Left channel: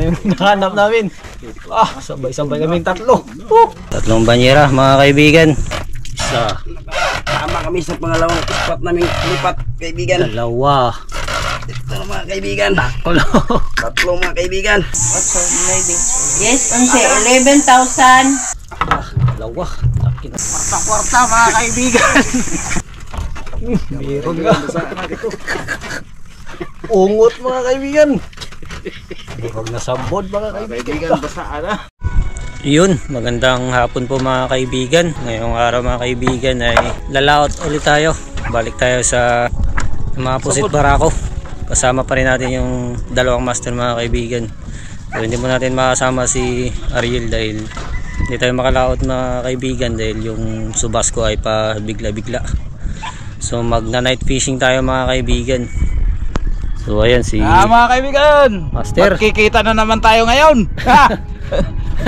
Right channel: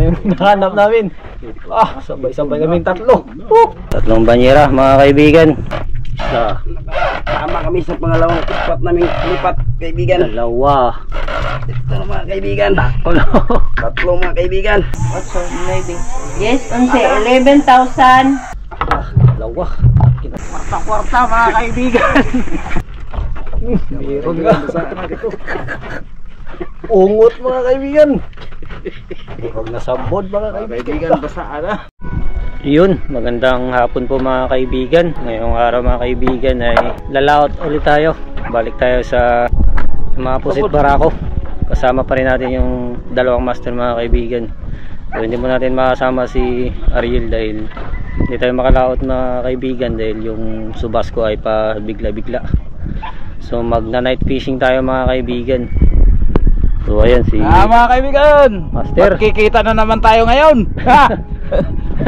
na yung hinahanap namin. Sabay-sabay kaming tatlo. Tatlong banyera mga kaibigan. Isa. Tama kami sa pangalawang spot naming lipat, kaibigan. Dalawa. Ito mga kaibigan. Tatlo. Tatlo mga kaibigan. Yes, 11,000. Dalawa. Kwarta-kwarta mga kaibigan. Meron nga. Ungot mga kaibigan. Huwag nasabod mga kaibigan. Basaan na. Yun, magandang hapon po mga kaibigan. Ngayong araw mga kaibigan ay lalaot ulit tayo. Balik tayo sa mga pusit barako. Kasama pa rin natin yung dalawang master mga kaibigan. So, hindi mo natin makasama si Ariel dahil hindi tayo makalaot mga kaibigan dahil yung subas ko ay pa bigla-bigla. So magna night fishing tayo mga kaibigan. So ayan si mga kaibigan, Master. magkikita na naman tayo ngayon.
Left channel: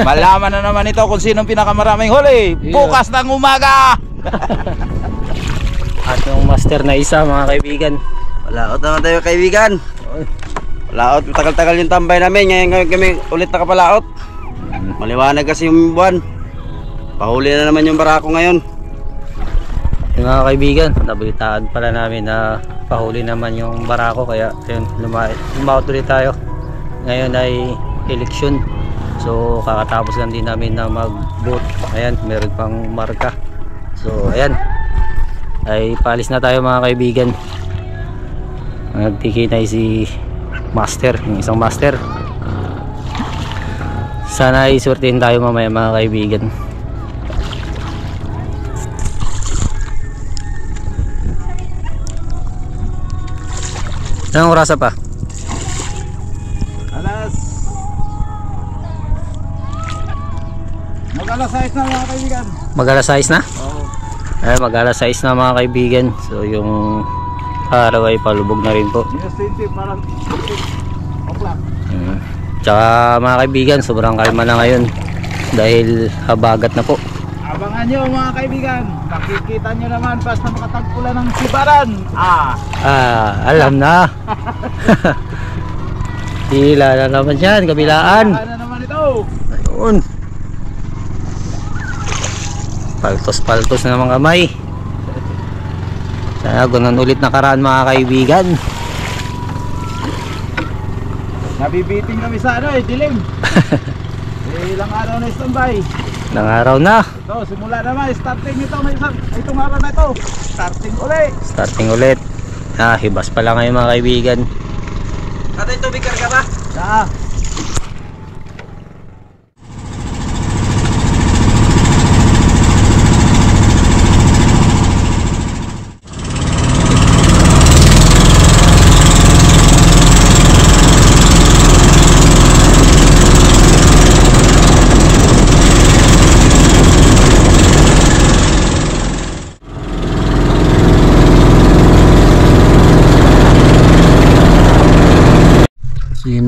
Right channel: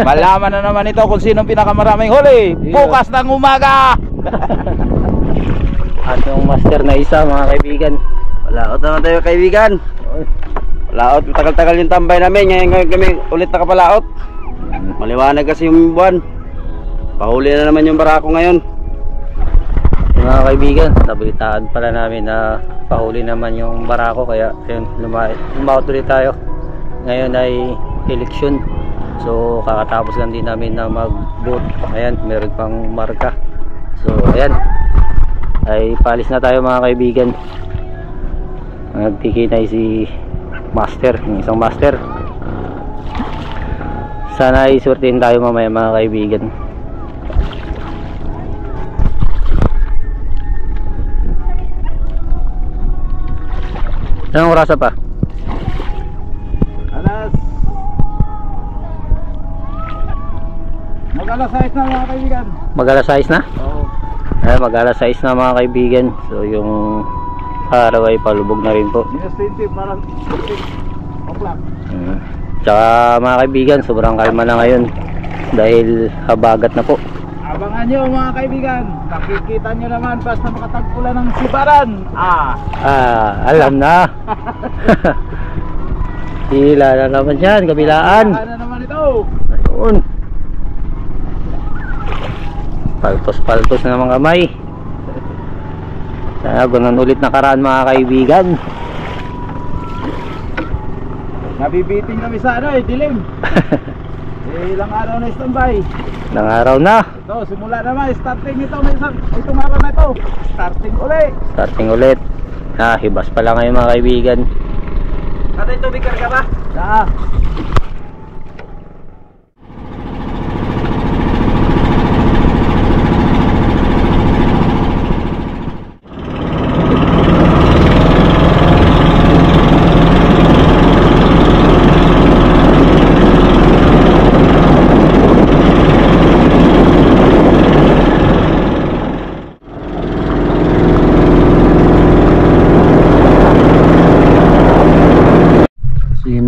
Malaman na naman ito kung sinong pinakamaraming huli. Bukas ng umaga. At yung master na isa mga kaibigan. Walaot naman tayo kaibigan. Walaot, tagal-tagal yung tambay namin. Ngayon kami ulit nakapalaot. Maliwanag kasi yung buwan. Pahuli na naman yung barako ngayon. Yung mga kaibigan, nabalitaan pala namin na pahuli naman yung barako. Kaya yun, lumaot ulit tayo. Ngayon ay eleksyon. So kakatapos lang din namin na mag-boat. Ayan, meron pang marka. So ayan, ay palis na tayo mga kaibigan. Nagtikinay si master, yung isang master. Sana ay swertihin tayo mamaya mga kaibigan. Anong orasa pa? Alas. Mag-alas 6 na mga kaibigan. Mag-alas 6 na? Oo. Ay, mag-alas 6 na mga kaibigan. So yung araw ay palubog na rin po. Minus 20 parang 15 o'clock. Tsaka mga kaibigan, sobrang kalma na ngayon dahil habagat na po. Abangan nyo mga kaibigan. Nakikita nyo naman basta makatagpulan ng sibaran. Alam na. Hila na naman yan, kabilaan. Ano naman ito? Ayun. Paltos-paltos na mga kamay. Sana gunan ulit nakaraan mga kaibigan. Nabibiting kami sa dilim. Ilang araw na standby. Ilang araw na. Ito, simula naman, starting ito, itong araw na ito. Starting ulit. Starting ulit. Hibas pala ngayon mga kaibigan. Tatay, tubig karga ba? Saa.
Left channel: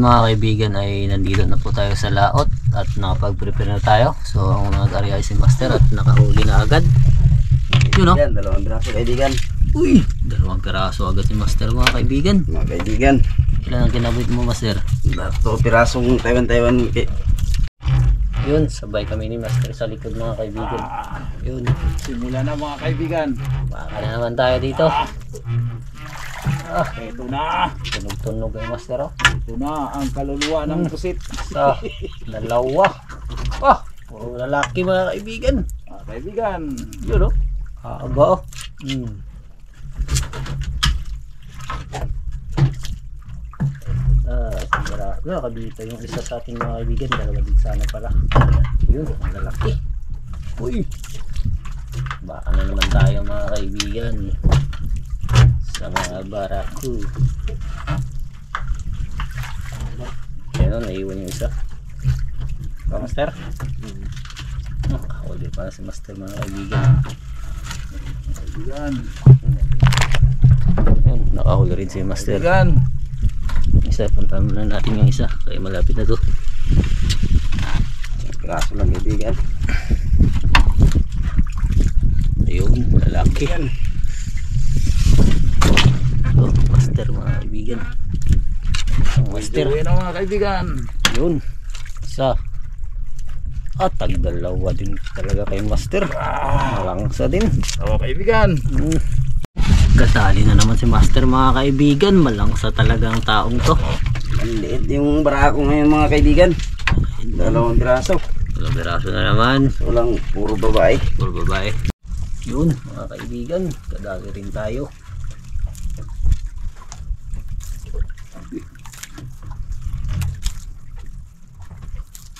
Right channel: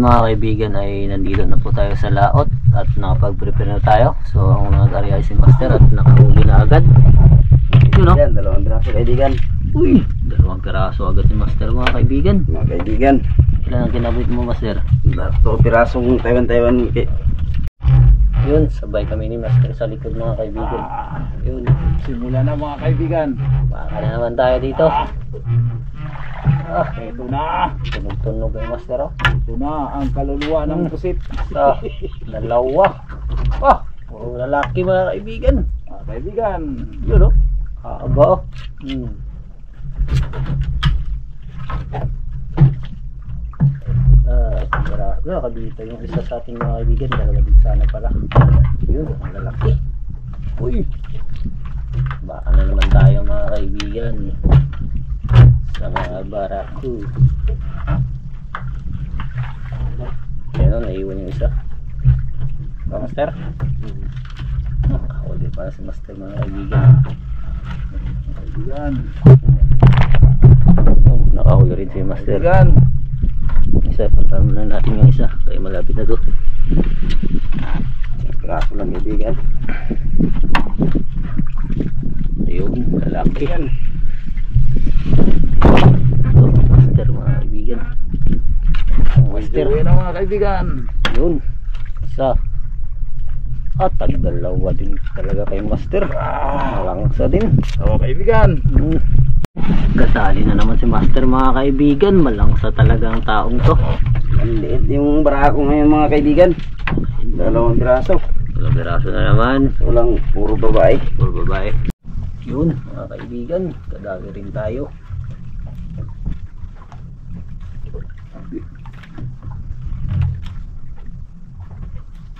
Mga kaibigan ay nandito na po tayo sa laot at nakapag-prepare na tayo. So ang nag-area ay si master at nakahuli na agad. Yun o. Yan, dalawang braso kaibigan. Uy, dalawang piraso agad si master mga kaibigan. Mga kaibigan, Ilan ang kinabit mo master? dato pirasong Taiwan. Yun, sabay kami ni master sa likod mga kaibigan. Yun, Simula na mga kaibigan. baka na naman tayo dito. Ito na. Tunog-tunog yung master o. Ito na ang kaluluwa ng pusit. Dalawa. Puro lalaki mga kaibigan. Mga kaibigan, Yun o. Haba o. Nakabita yung isa sa ating mga kaibigan. Dalawa din sana pala. Yun, ang lalaki. Uy, baka na naman tayo mga kaibigan sa mga barako. Ayan o, naiwan yung isa. Ba master? Nakahuli pa si master mga kaibigan. kaibigan. Ayan, nakahuli rin si master. Kaibigan. Isa, puntahan muna natin yung isa kaya malapit na to. Piraso lang kaibigan. Ayun, lalaki. Ito, master mga kaibigan. Master. Ayun na mga kaibigan. Yun. Isa. At tagdalawa din talaga kay Master. Malangsa din. Mga kaibigan. Kadali na naman si Master mga kaibigan. Malangsa talaga ang taong to. Ang liit yung barako ngayon mga kaibigan. 2 piraso. Dalawang piraso na naman. Walang puro babae. Puro babae. Yun mga kaibigan. Kadali rin tayo.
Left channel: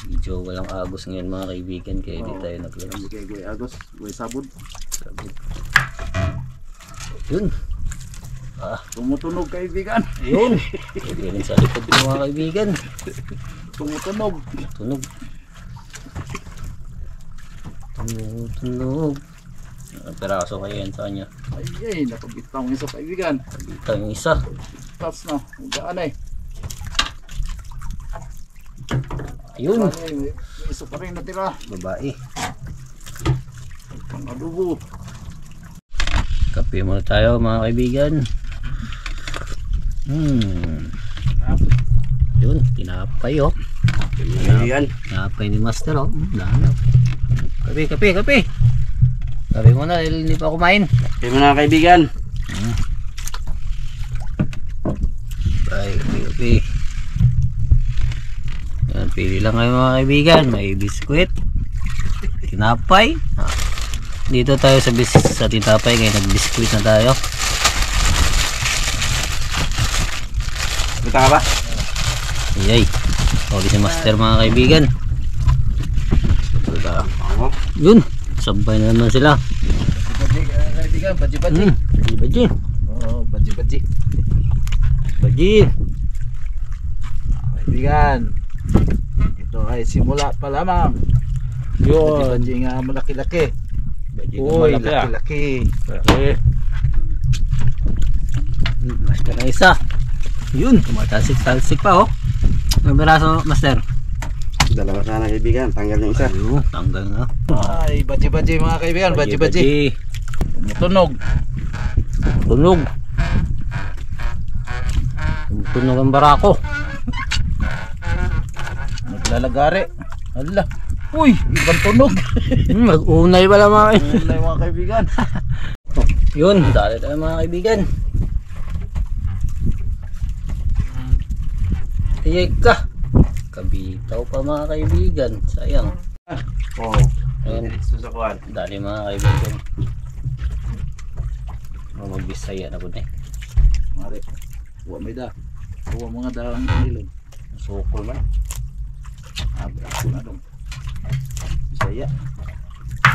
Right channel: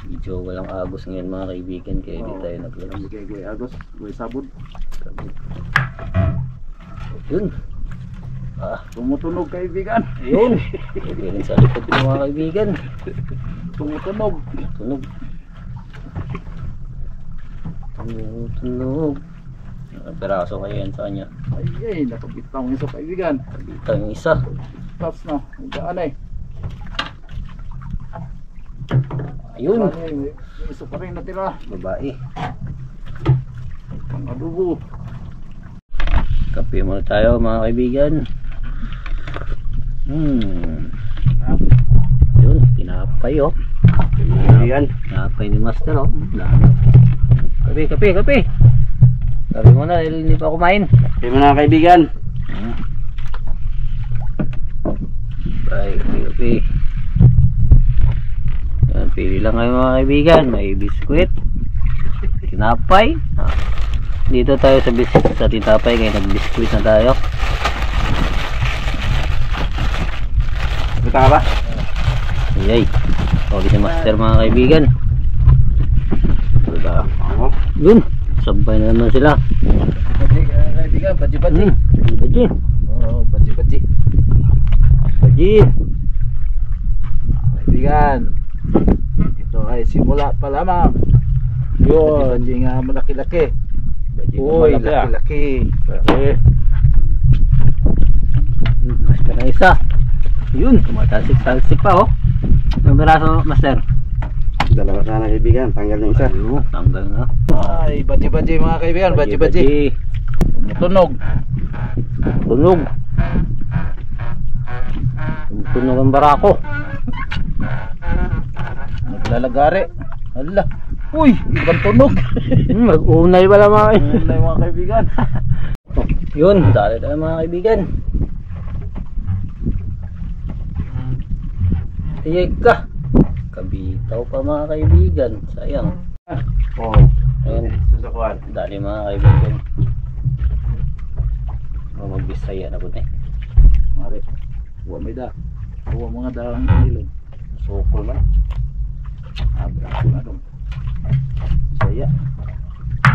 Medyo walang agos ngayon mga kaibigan. Kaya hindi tayo naglabas. Kay Goy Agos, Goy Sabod. Yun. Tumutunog kaibigan. Yun. Pwede rin sa likod ng mga kaibigan. Tumutunog. Tunog. Tunog. Peraso kayo yan sa kanya. Ay, nakabitaw ng isa kaibigan. Ito yung isa. Tapos na, hugaan eh. Ayun. May isa pa rin natira. Babae. Pang adobo. Kape muna tayo mga kaibigan. Yun. Tinapay oh. Kaibigan. Tinapay ni Master oh. Dami. Kape. Kape muna dahil hindi pa kumain. Kaya mga kaibigan. Bye, kape. Yan, pili lang kayo mga kaibigan. May biskwit, tinapay. Dito tayo sa tinapay kaya nagbiskwit na tayo. Kita ka ba? Yay. Okay si Master mga kaibigan. Ako. Yun. Sabay na naman sila. Kaibigan, baji-baji. Baji. Oh, baji-baji. Baji. Kaibigan, ito ay simula pa lamang. Yun. Baji nga malaki-laki. Uy, malaki-laki. Master na isa. Yun. Tumatalsik-talsik pa oh. Ang beraso Master. 2 sana kaibigan. Tanggal yung isa. Ayun. Tanggal na. Ay, baji-baji mga kaibigan, baji-baji. Tunog. Tunog. Tunog ang barako. Naglalagari. Hala. Uy, ibang tunog. Mag-unay pala mga kaibigan. Wala mga kaibigan. Yun, dali tayo mga kaibigan. Ika. Kabitaw pa mga kaibigan. Sayang. Oh. Ayun. Susakuan. Dali mga kaibigan. Magbisaya na po na eh. Mari. Huwag may da. Huwag mga dalang ilog. Sukol man. Abra ko na dong. Saya.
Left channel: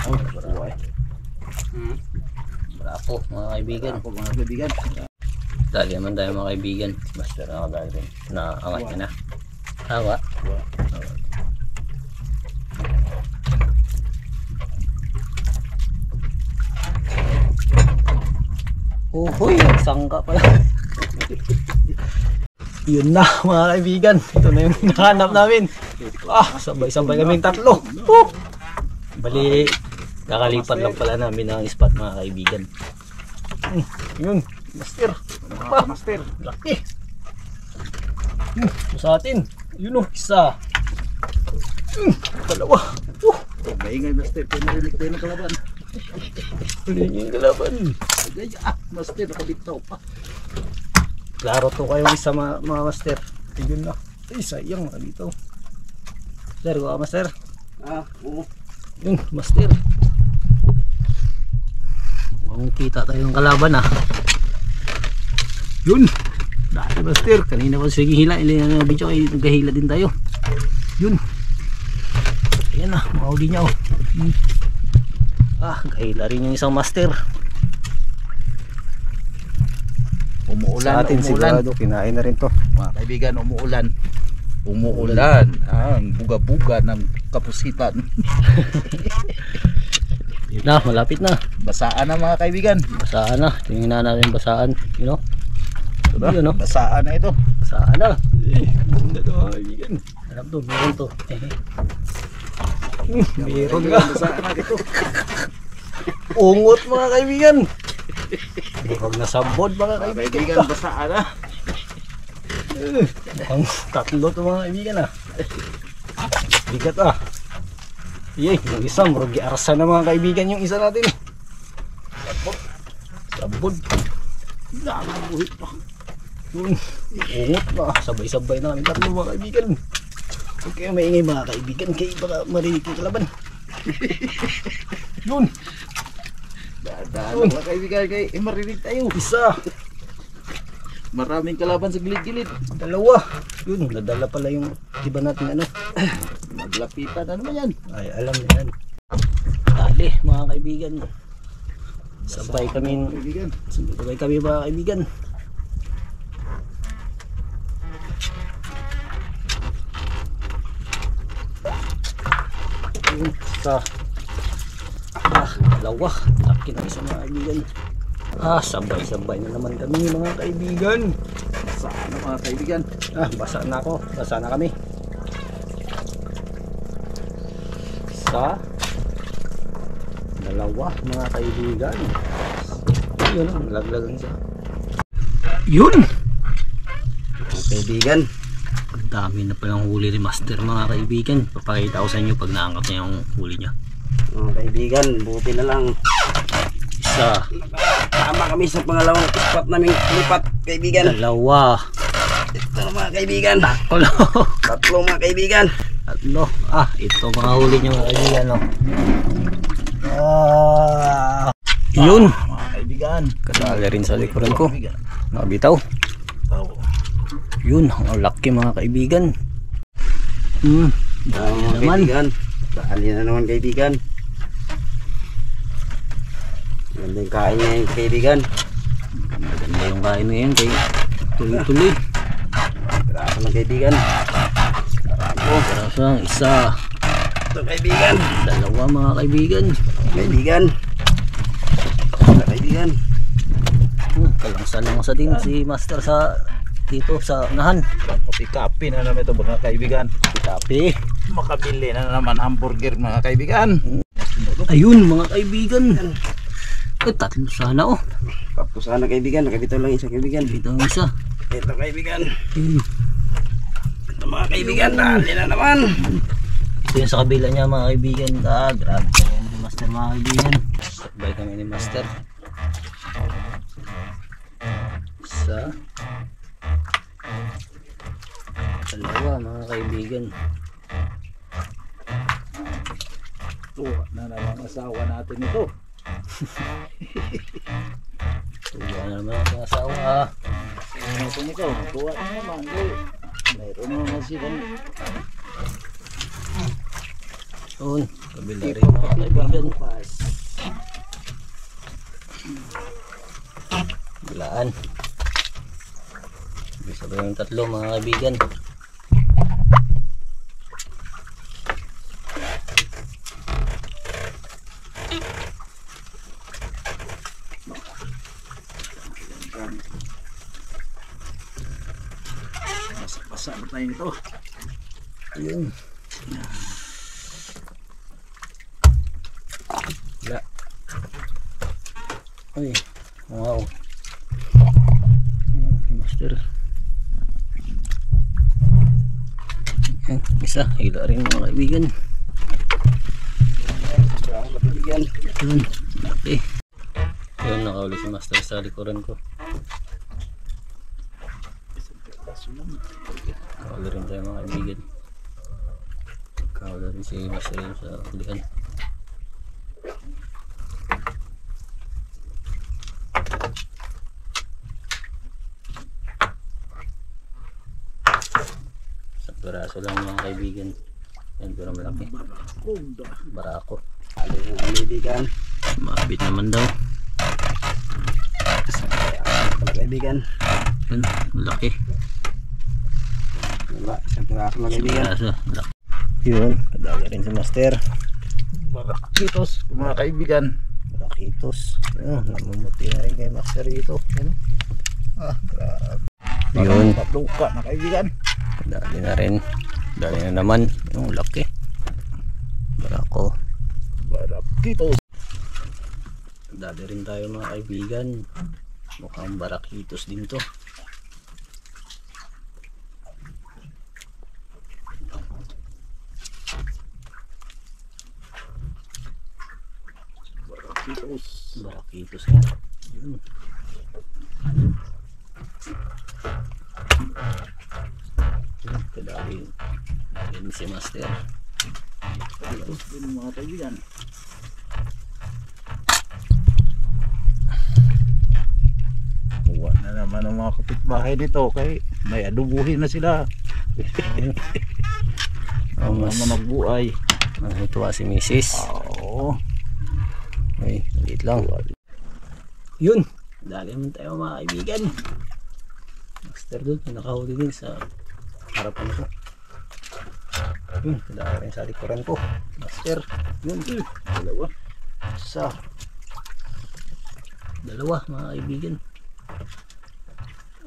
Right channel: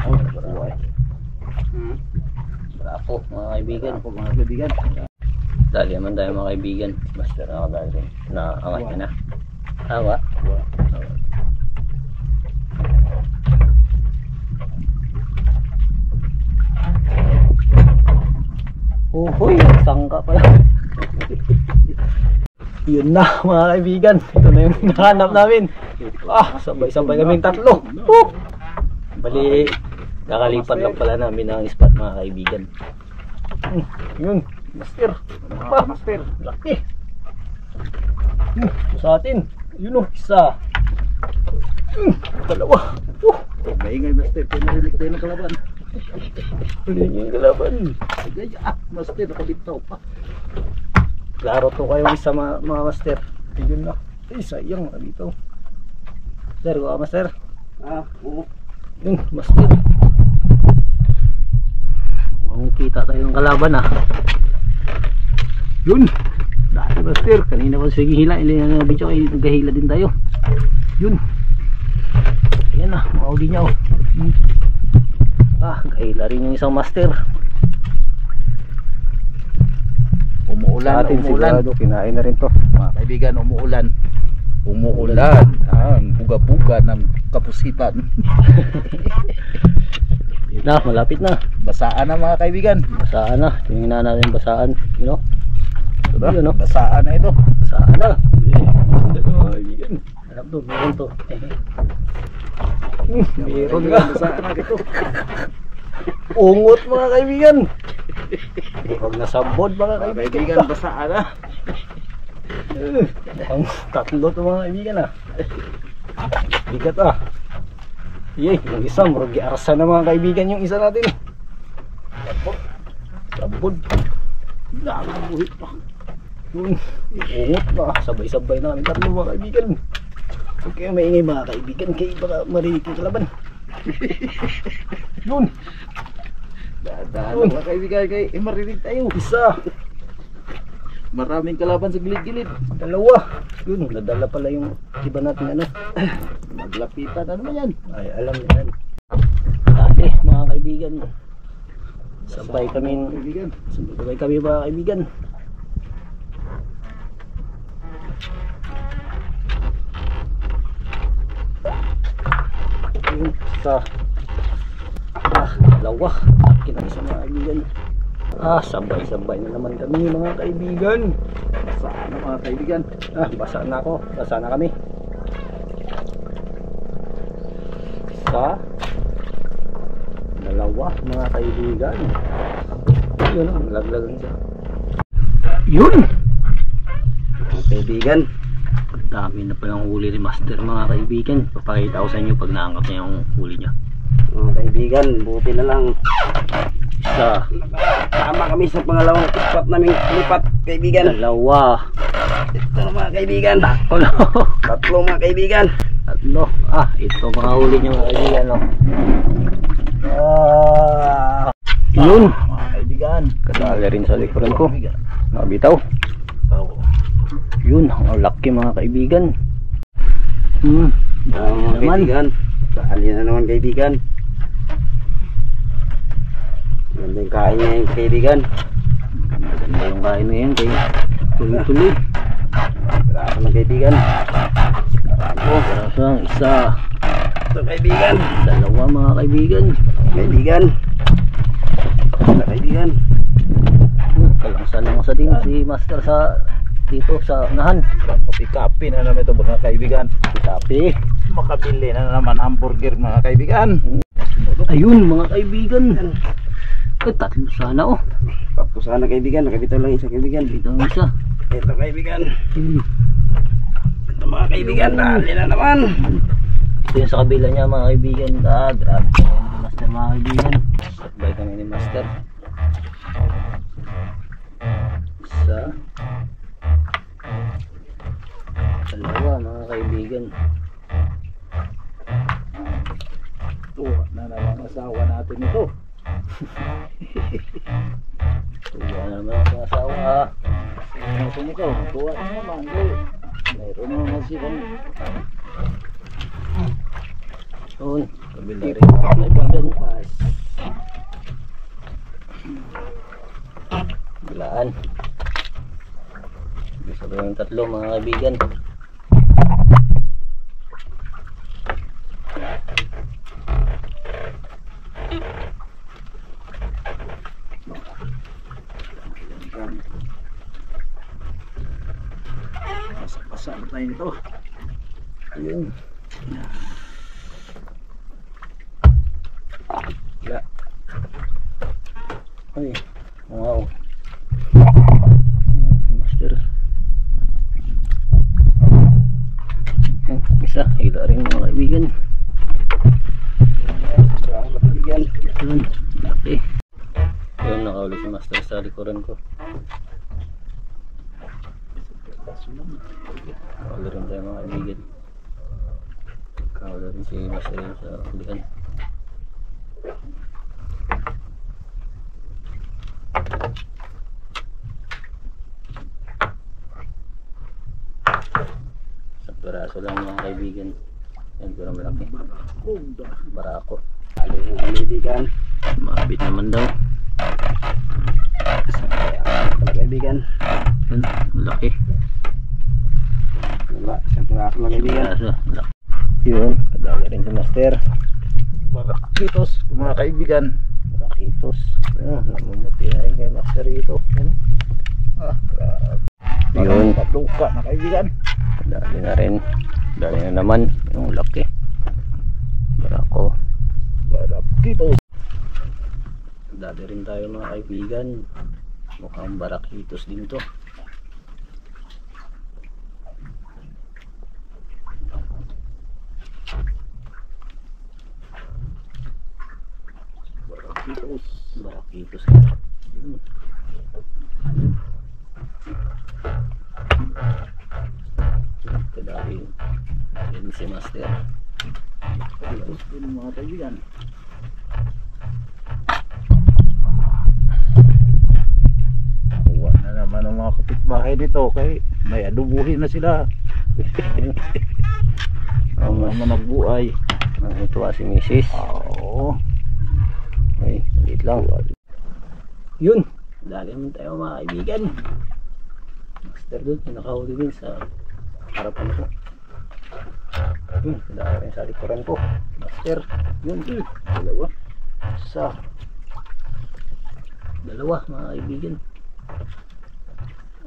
Oh, buhay. Bravo mga kaibigan. Ako mga kaibigan. Dali naman tayo mga kaibigan. Master na ako dali rin. Naangat niya na. Tawa. Uhoy, sangka pala. Yun na mga kaibigan. Ito na yung hinahanap namin. Sabay-sabay kaming tatlo. Bali, kakalipat lang pala namin ang spot mga kaibigan. Yun, Master. Master. Laki. Sa atin. Yun o, isa. Dalawa. Maingay master. Pinarinig tayo ng kalaban. Huli niyo yung kalaban. Gaya. Master, nakabitaw pa. Klaro to kayo isa mga master. Ayun na. Ay, sayang na dito. Master, go master. Oo. Yun, master. Mukhang kita tayo ng kalaban Yun. Dahil master. Kanina pa sige hila. Ilan na video ay naghahila din tayo. Yun. Ayan na. Mauli niya gahila rin yung isang master. Umuulan, Sigurado, kinain na rin to. mga kaibigan, umuulan ang buga-buga ng kapusitan. Yun na, malapit na. Basaan na mga kaibigan. Basaan na. Tingnan natin basaan. You know? Diba? Yun, no? Basaan na ito. Basaan na. Ganda to mga kaibigan. Harap to, meron to. Meron nga. Basaan na ito. Ungot mga kaibigan. Huwag na sabod mga Mga kaibigan. kaibigan, basaan na. Ang tatlo to mga kaibigan Bigat ah. Yay, yung isa murugi arsa na mga kaibigan yung isa natin. Sabod. Buhit pa. Yun, ungot na. Sabay-sabay namin tatlo mga kaibigan. Huwag kayo maingay mga kaibigan, kaya baka marinig yung kalaban. Yun. Dadaan mga kaibigan kay marinig tayo. Isa. Maraming kalaban sa gilid-gilid. Dalawa. Yun, nadala pala yung iba natin ano. Maglapitan, ano ba yan? Ay, alam na yan. Dali mga kaibigan. Sabay kami mga kaibigan. Yun, isa. Dalawa. Laki ng isa mga kaibigan. Sabay-sabay na naman kami mga kaibigan. Saan mga kaibigan? Basa na ako. Basa na kami. Isa. Dalawa mga kaibigan. Yun ang laglagan siya. Yun! Mga kaibigan. Ang dami na palang huli ni Master mga kaibigan. Papakita ko sa inyo pag naangkat niya yung huli niya. Mga kaibigan, buti na lang. Isa. Tama kami sa pangalawang spot naming lipat, kaibigan. Dalawa. Ito na mga kaibigan. Tatlo. Tatlo mga kaibigan. Tatlo. Ito mga huli niyo mga kaibigan. No? Yun. Mga kaibigan. Kadali rin sa likuran ko. Nakabitaw. Yun. Ang laki mga kaibigan. Mga kaibigan. Dali na naman kaibigan. Ganda yung kain niya yung kaibigan. Maganda yung kain na yan. Kaya tuloy-tuloy. Grabe mga kaibigan. Kaso lang isa. Ito kaibigan. Dalawa mga kaibigan. Kaibigan. Ito kaibigan. Kalangsa din si Master sa dito sa unahan. Kapi-kapi na naman ito mga kaibigan. Kape. Makabili na naman hamburger mga kaibigan. Ayun mga kaibigan. Tatlo sana oh. Tapos sana kaibigan. Nakabitaw lang isa kaibigan. Dito ang isa. Ito kaibigan. Ito mga kaibigan. Dali na naman. Ito yung sa kabila niya mga kaibigan. Grabe kami ni Master mga kaibigan. Sabay kami ni Master. Isa. Dalawa mga kaibigan. Tuwa na naman asawa natin ito. Tuwa na naman ang asawa. Ito nito. Tuwa na naman. Mayroon naman silang Yun. Kabila rin mga kaibigan. Bilaan. Sabay yung tatlo mga kaibigan. basa na tayo nito. Ayun. Wala. Ay. Wow. Master. Isa. Hila rin mga kaibigan. Yun. Laki. Yun. Nakauli si Master sa likuran ko. Kawala rin tayo mga kaibigan. Kawala rin si Master sa kulihan. Sa piraso lang mga kaibigan. Yan pero malaki. Barako. Dali na mga kaibigan. Mabit naman daw. Mga kaibigan. Yun. Malaki. Wala. Isang piraso mga kaibigan. Piraso. Malaki. Yun. Kadali rin si Master. Barakitos mga kaibigan. Rakitos. Namumuti na rin kay Master dito. Yun. Patluka mga kaibigan. Dali na rin. Dali na naman. Yung laki. Barako. Barakitos. Dali rin tayo mga kaibigan. Mukhang barakitos din to. Barakitos. Barakitos yan. Yun. Kadali yun. Yan si Master. Barakitos din mga kaibigan. Kuha na naman ang mga kapitbahay dito kay may adubuhin na sila. Ang mga nagbuhay. Nagtuwa si Mrs. Oo. Ay, maliit lang. Yun. Dali naman tayo mga kaibigan. Master doon. Nakahuli din sa harapan ko. Yun. Dali rin sa likuran ko. Master. Yun. Dalawa. Dalawa mga kaibigan.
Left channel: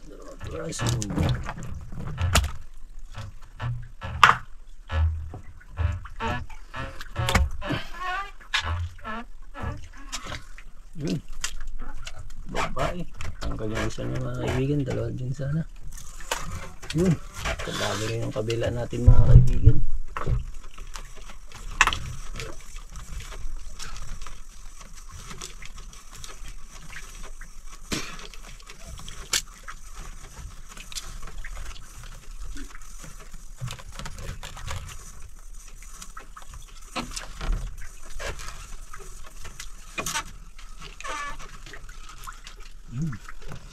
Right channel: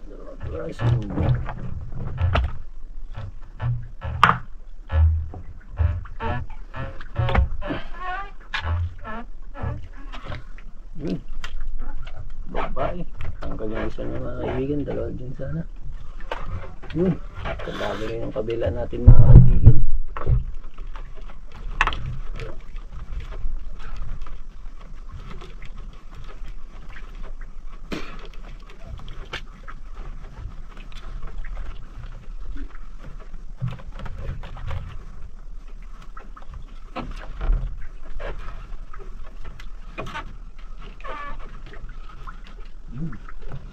Dalawa piraso. Yun. Babae. Tanggal yung isa niya mga kaibigan. Dalawa din sana. Yun. Kadami rin yung kabila natin mga kaibigan.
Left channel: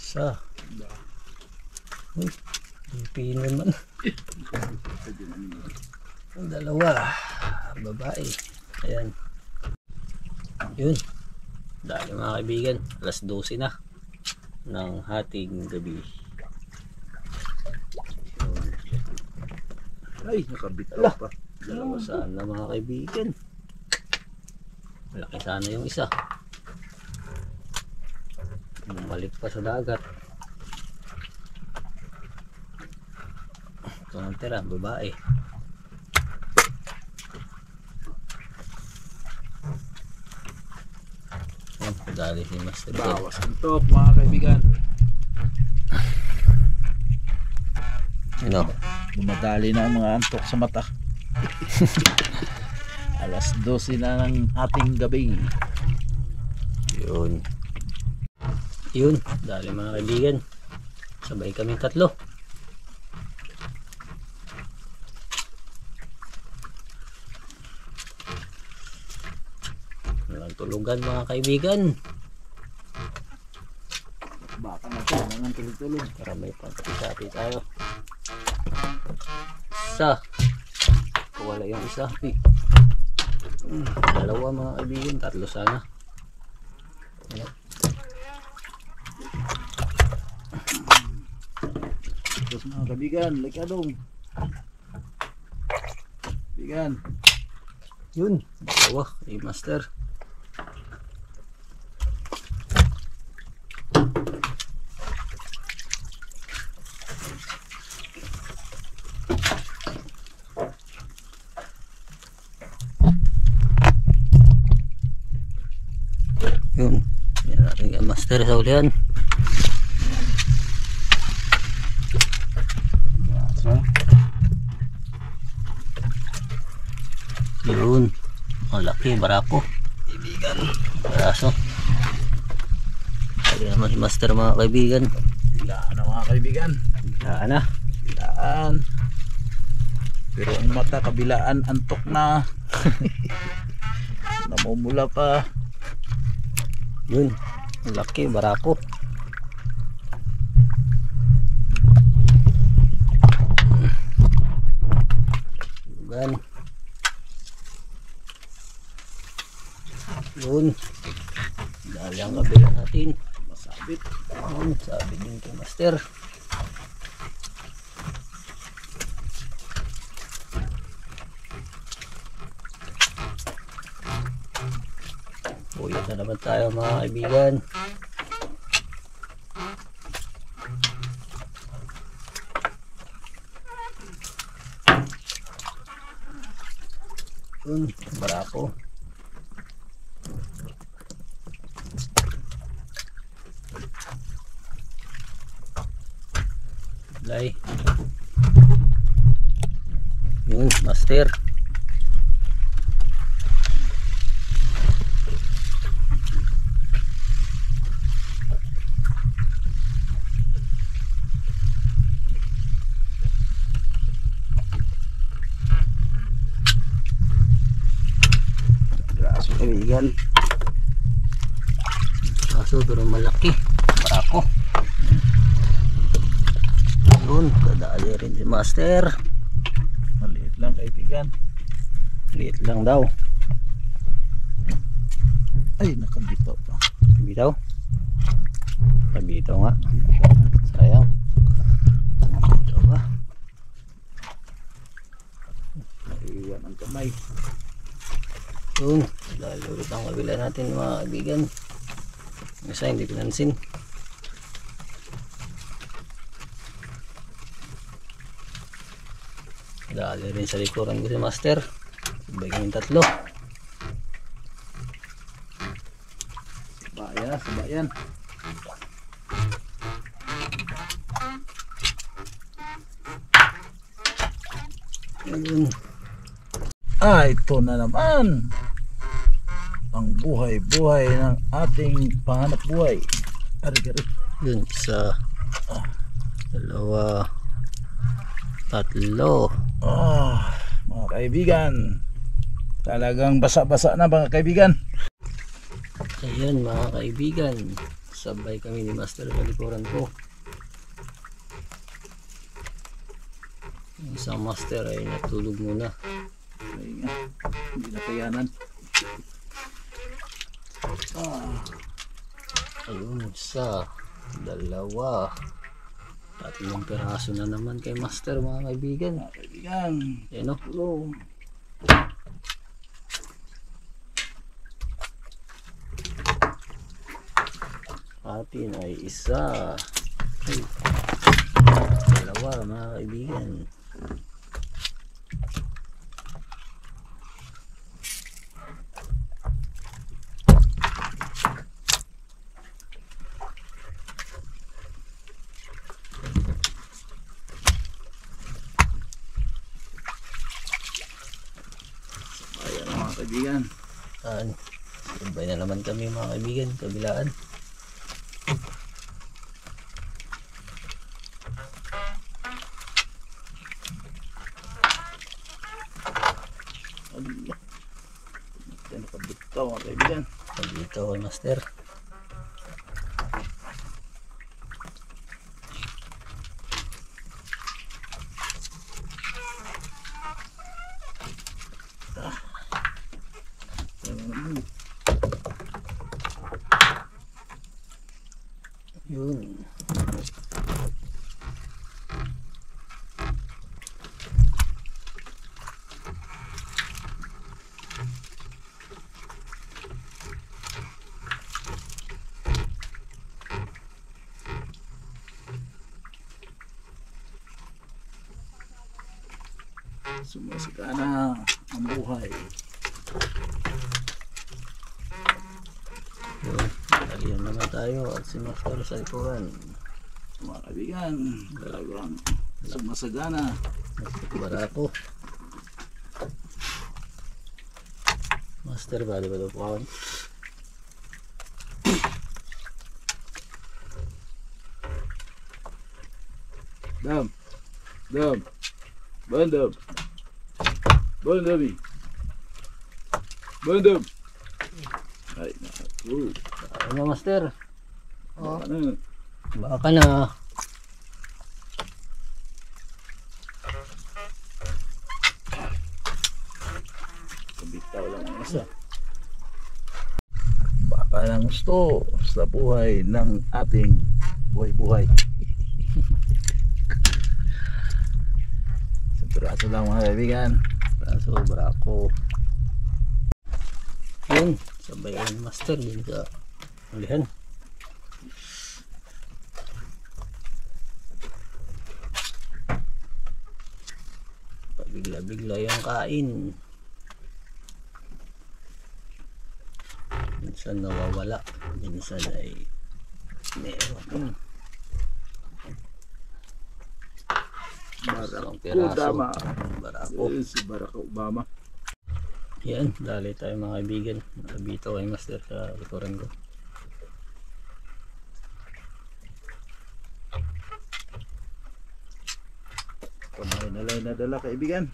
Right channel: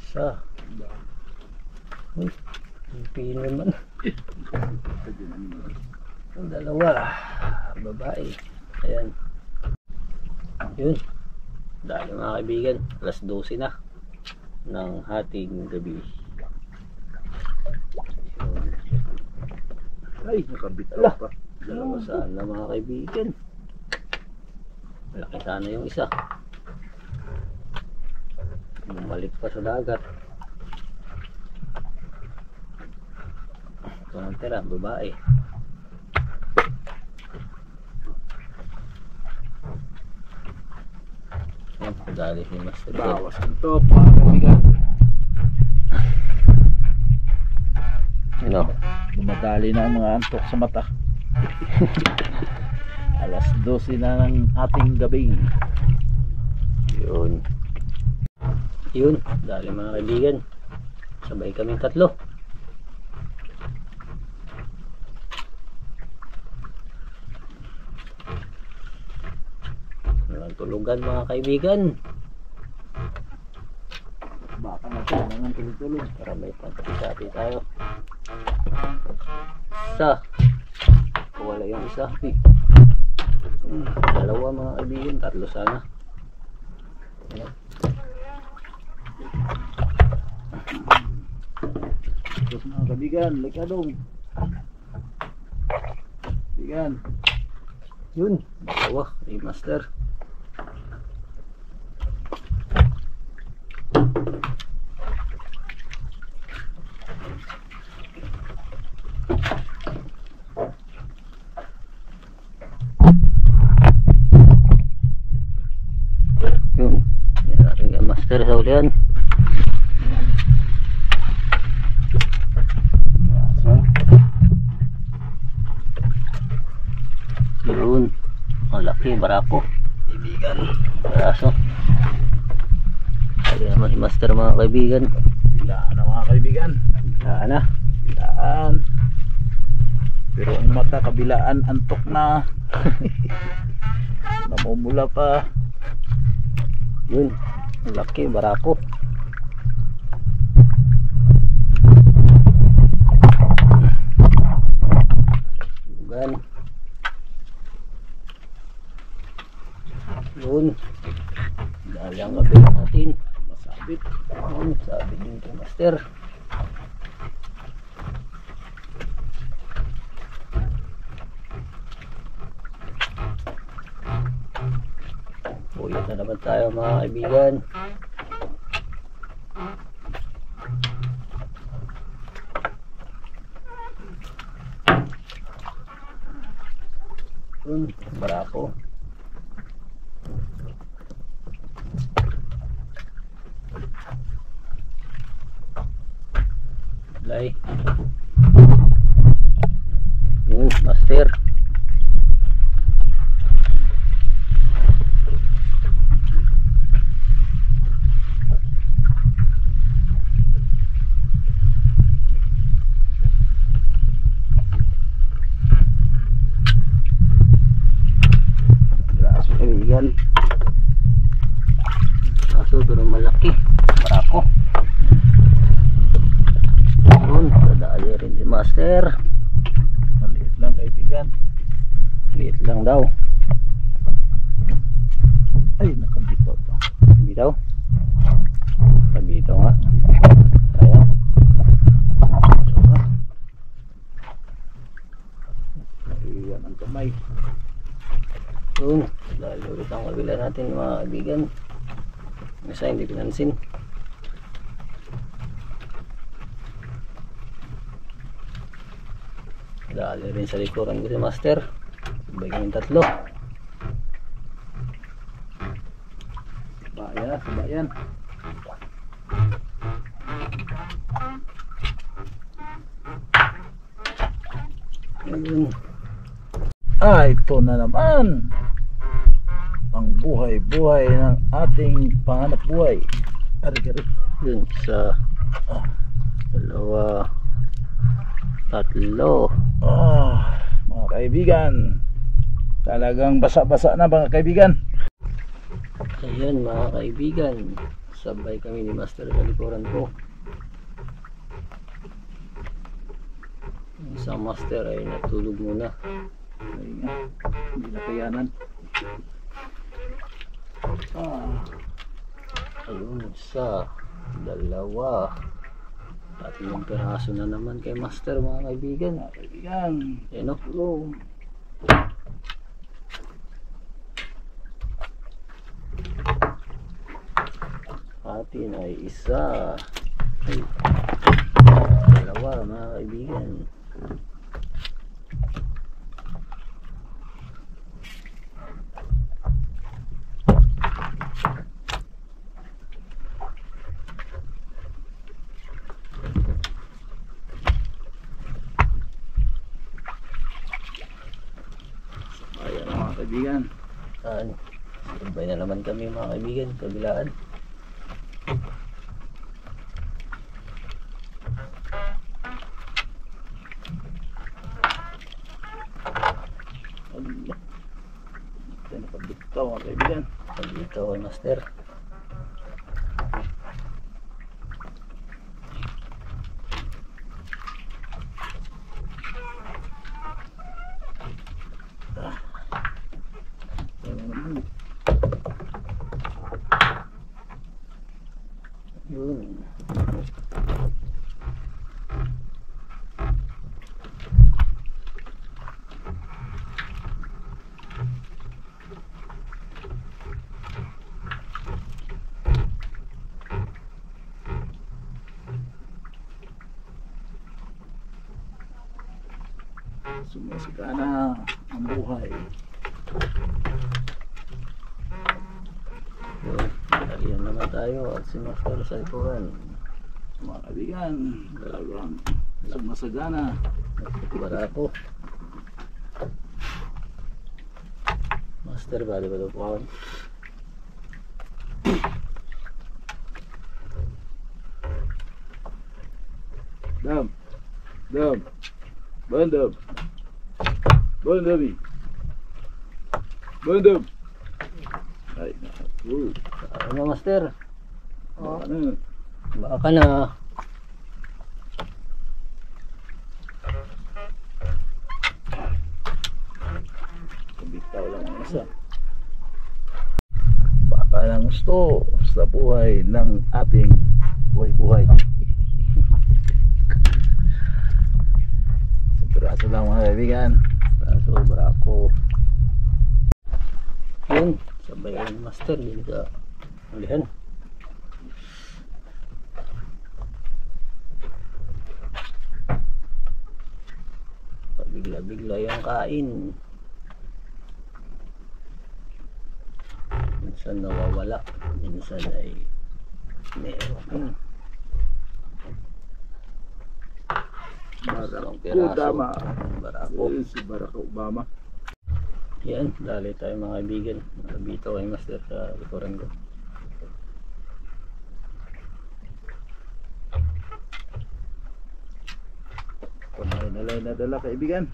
Isa. Uy, pipi naman. Ang dalawa. Babae. Ayan. Yun. Dahil mga kaibigan, alas 12 na ng hating gabi. Yun. Ay, nakabitaw Ala. pa. Dalawa sana mga kaibigan. Malaki sana yung isa. Bumalik pa sa dagat. Ito ang tira, babae. Yan, padali si Master Ted. Bawas ang top mga kaibigan. Ano? Dumadali na ang mga antok sa mata. Alas 12 na ng ating gabi. Yun. Yun, dali mga kaibigan. Sabay kaming tatlo. Walang tulugan mga kaibigan. Baka na ito, mga tulog-tulog. Para may pagkakati tayo. Isa. Wala yung isa. Dalawa mga kaibigan. Tatlo sana. Ayan. Terus mga kaibigan, likadong. Kaibigan. Yun. Dalawa. Ay Master. Yun. Yan natin yung Master sa ulihan. Yun. Ang laki, barako. Kaibigan. Baraso. Kaya naman si Master mga kaibigan. Bilaan na mga kaibigan. Saan na? Bilaan. Pero ang mata kabilaan, antok na. Namumula pa. Yun. Ang laki, barako. Yan. Yun. Dali ang kabila natin. Masabit. Yun. Sabi din kay Master. Uyot na naman tayo mga kaibigan. Yun. Barako. Lay. Yun, Master. kaibigan. Kaso pero malaki. Barako. Yun, dadali rin si Master. Maliit lang kaibigan. Liit lang daw. Ay, nakabitaw pa. Bitaw. Bitaw nga. Sayang. Bitaw nga. Naiwan ang kamay. Yun, dahil ulit ang kabila natin mga kaibigan. Isa hindi pinansin. Dali rin sa likuran ko si Master. Sabay kaming tatlo. Sabayan. Ayun. Ito na naman ang buhay-buhay ng ating panganap buhay. Ari-ari. Yun, isa, dalawa, tatlo. Mga kaibigan, talagang basa-basa na mga kaibigan. Ayan mga kaibigan, sabay kami ni Master sa likuran ko. Yung isang Master ay natulog muna. Ay nga, hindi na kayanan. Ayun, isa, dalawa, tatlong piraso na naman kay Master mga kaibigan. Mga kaibigan, Ayan o. Atin ay isa, ay dalawa mga kaibigan. ayan mga kaibigan. Sabay na naman kami mga kaibigan, kabilaan. Yan nakabitaw mga kaibigan. Dito kay Master. Yun. Sumasigana ang buhay. Yun. Dalihan naman tayo at si Master sa likuran. Mga kaibigan, talagang sumasagana. Barako. Master, bali ba ito po ako? Dam, bandam, bandami, bandam. Ay, naku. Ano Master? Ano? Baka na. Bitaw lang ang isa. Baka lang gusto sa buhay ng ating buhay-buhay. Sa piraso lang mga kaibigan. Kaso barako. Yun. Sabay kayo ni Master. Din ka ulihan. Bigla-bigla yung kain. Minsan nawawala, minsan ay meron. Isang piraso. Dama. Barako. Si Barack Obama. Yan, dali tayo mga kaibigan. Nabito kay Master sa likuran ko. Kumain na dala kaibigan.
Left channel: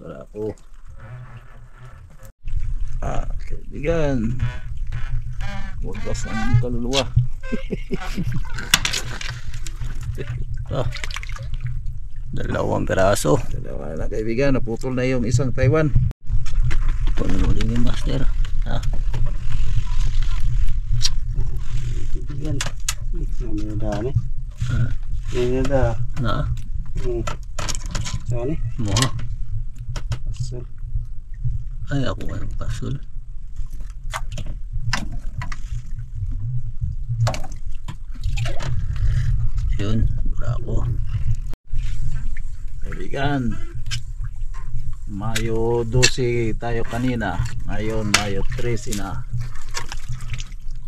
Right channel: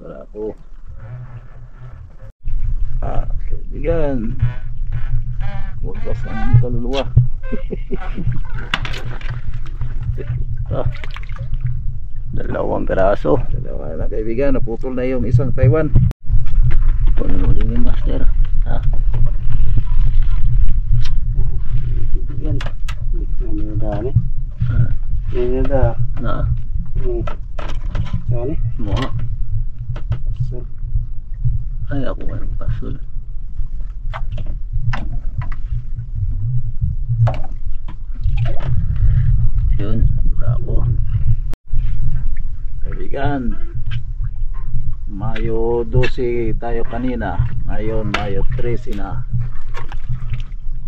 Barako. Kaibigan. Wagas ang kaluluwa. Dalawang piraso. Dalawa na kaibigan, naputol na yung isang Taiwan. Panulin yung master. Yan. Ano dami? Yan na. Na. Saan eh? Mo. So, Ay ako ang pasul. Yun, bravo. Kaibigan, Mayo 12 tayo kanina. Ngayon Mayo 13 na.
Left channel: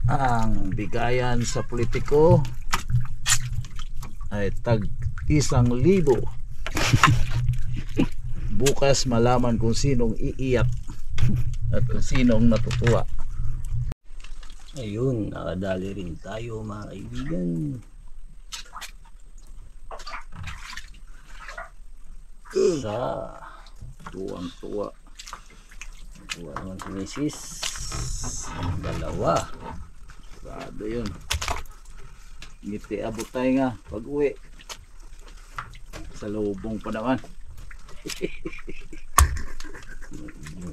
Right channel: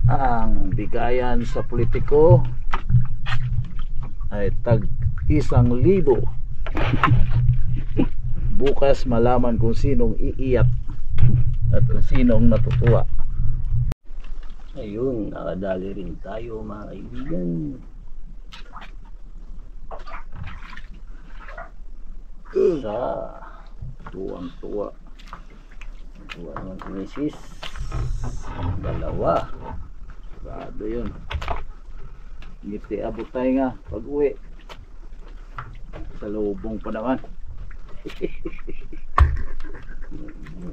Ang bigayan sa politiko ay tag 1,000. Bukas malaman kung sinong iiyak at kung sinong natutuwa. Ayun, nakadali rin tayo mga kaibigan. Sa Tuwang-tuwa. tuwa naman si Mrs. Dalawa. Sarado yun. Ngiti abot tayo nga pag uwi. Sa lubong pa naman.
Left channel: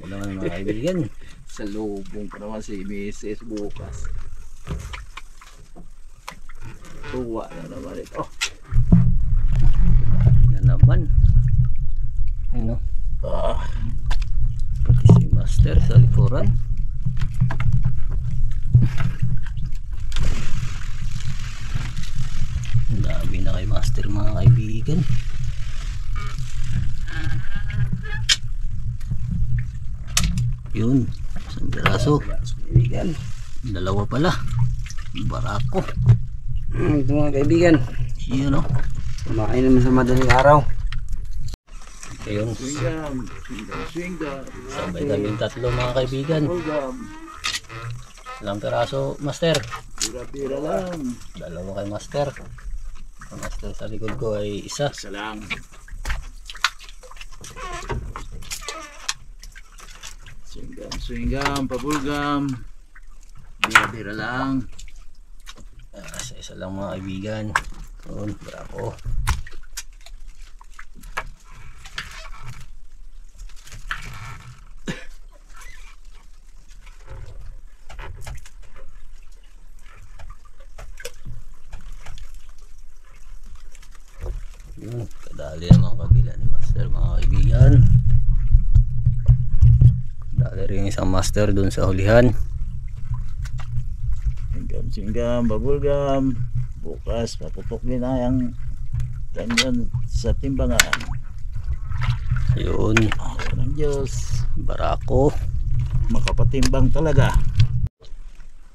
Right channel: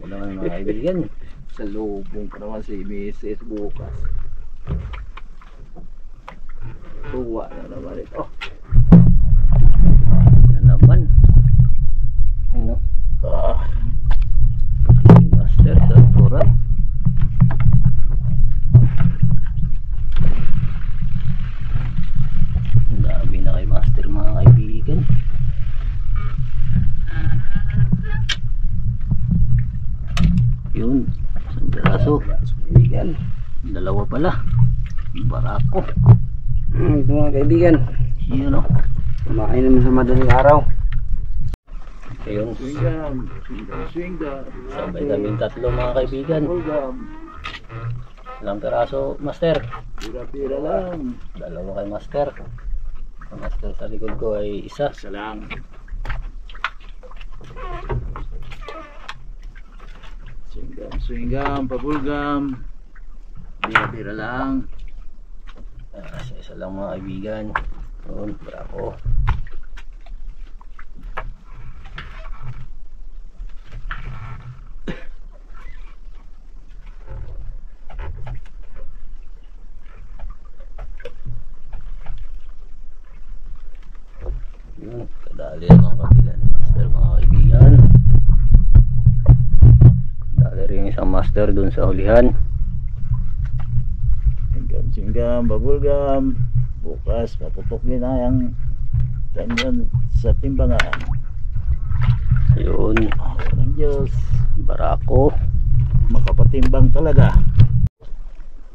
Wala naman mga kaibigan. Sa lubong pa naman si Mrs. bukas. Tuwa na naman ito. Yan naman. Ayun o. Si Master sa likuran. Ang dami na kay Master mga kaibigan. Yun, isang piraso. kaibigan. Dalawa pala. Barako. Ito mga kaibigan. Yun o. Kumain naman sa madaling araw. Ayun, Swingam, swingam. sabay kami tatlo mga kaibigan. Swingam. Ilang piraso, Master? Pira-pira lang. Dalawa kay Master. Ang Master sa likod ko ay isa. Isa lang. Swingam, swingam, pabulgam. Bira-bira lang. Isa lang mga kaibigan. Yun, bravo. Yun, kadali ang mga kabila ni Master mga kaibigan. Kadali rin isang Master dun sa hulihan. Swingam, swingam, pabulgam. Bukas, paputok din na yung kanyon sa timbangan. Yun, Awa ng Diyos. barako. Makapatimbang talaga.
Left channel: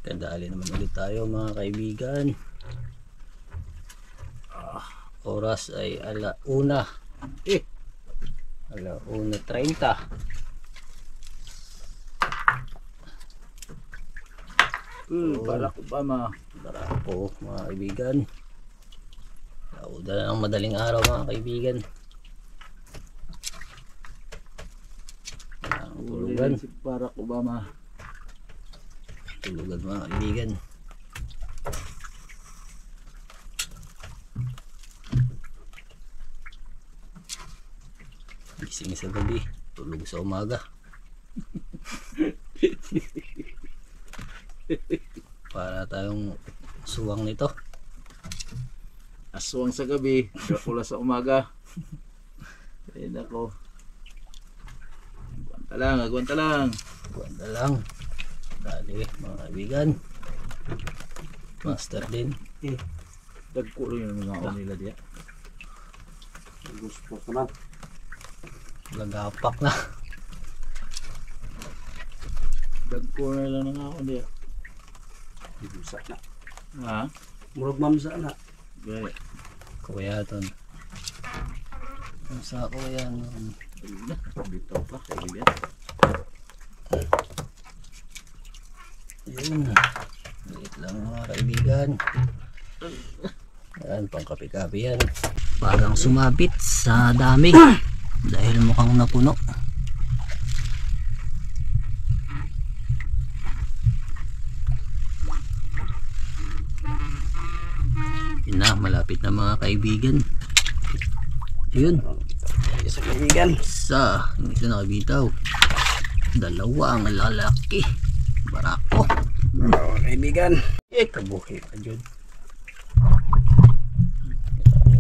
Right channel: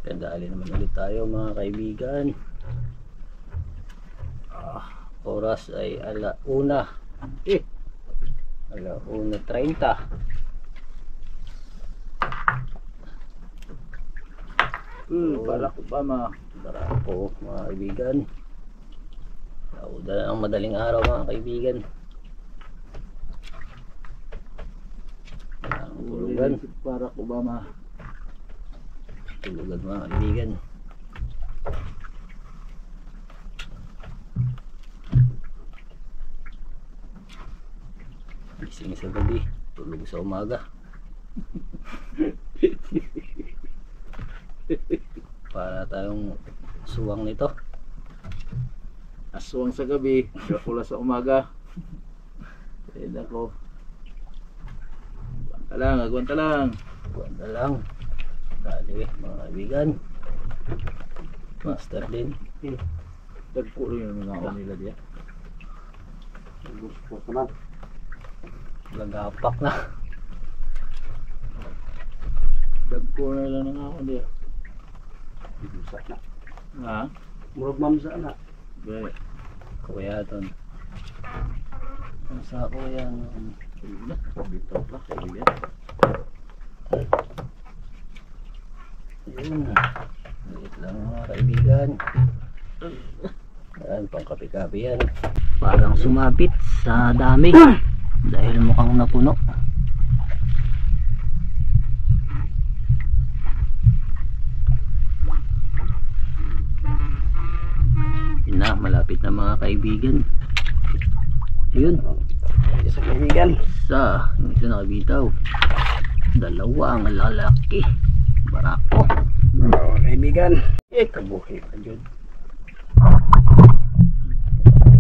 Kadali naman ulit tayo mga kaibigan. Oras ay 1:00. Eh, 1:30. Barack Obama. Barako mga kaibigan. Nauda na ang madaling araw mga kaibigan. Ang tulugan. Si Barack Obama. Tulugan mga kaibigan. Gising sa gabi, tulog sa umaga. Para tayong suwang nito. Aswang sa gabi, Dracula sa umaga. Ay nako. Agwanta lang, agwanta lang. Buwan lang. Dali mga kaibigan. Master din. Dagko rin yung mga nila diya. Gusto ko naman. Lagapak na. Dagko na lang nga ako diya. Busak na. Ha? Murag mamsa na. Gaya. Kuya ton. Ang sa kuya no. Ayun na, bitaw pa kaibigan. Ayun. Liit lang mga kaibigan. Yan, pang kape-kape yan. Parang sumabit sa dami. Dahil mukhang napuno. na, malapit na mga kaibigan. Yun. Isa kaibigan. Isa, yung isa nakabitaw. Dalawa ang lalaki. Barako. Oo, kaibigan. Kabuhi pa dyan.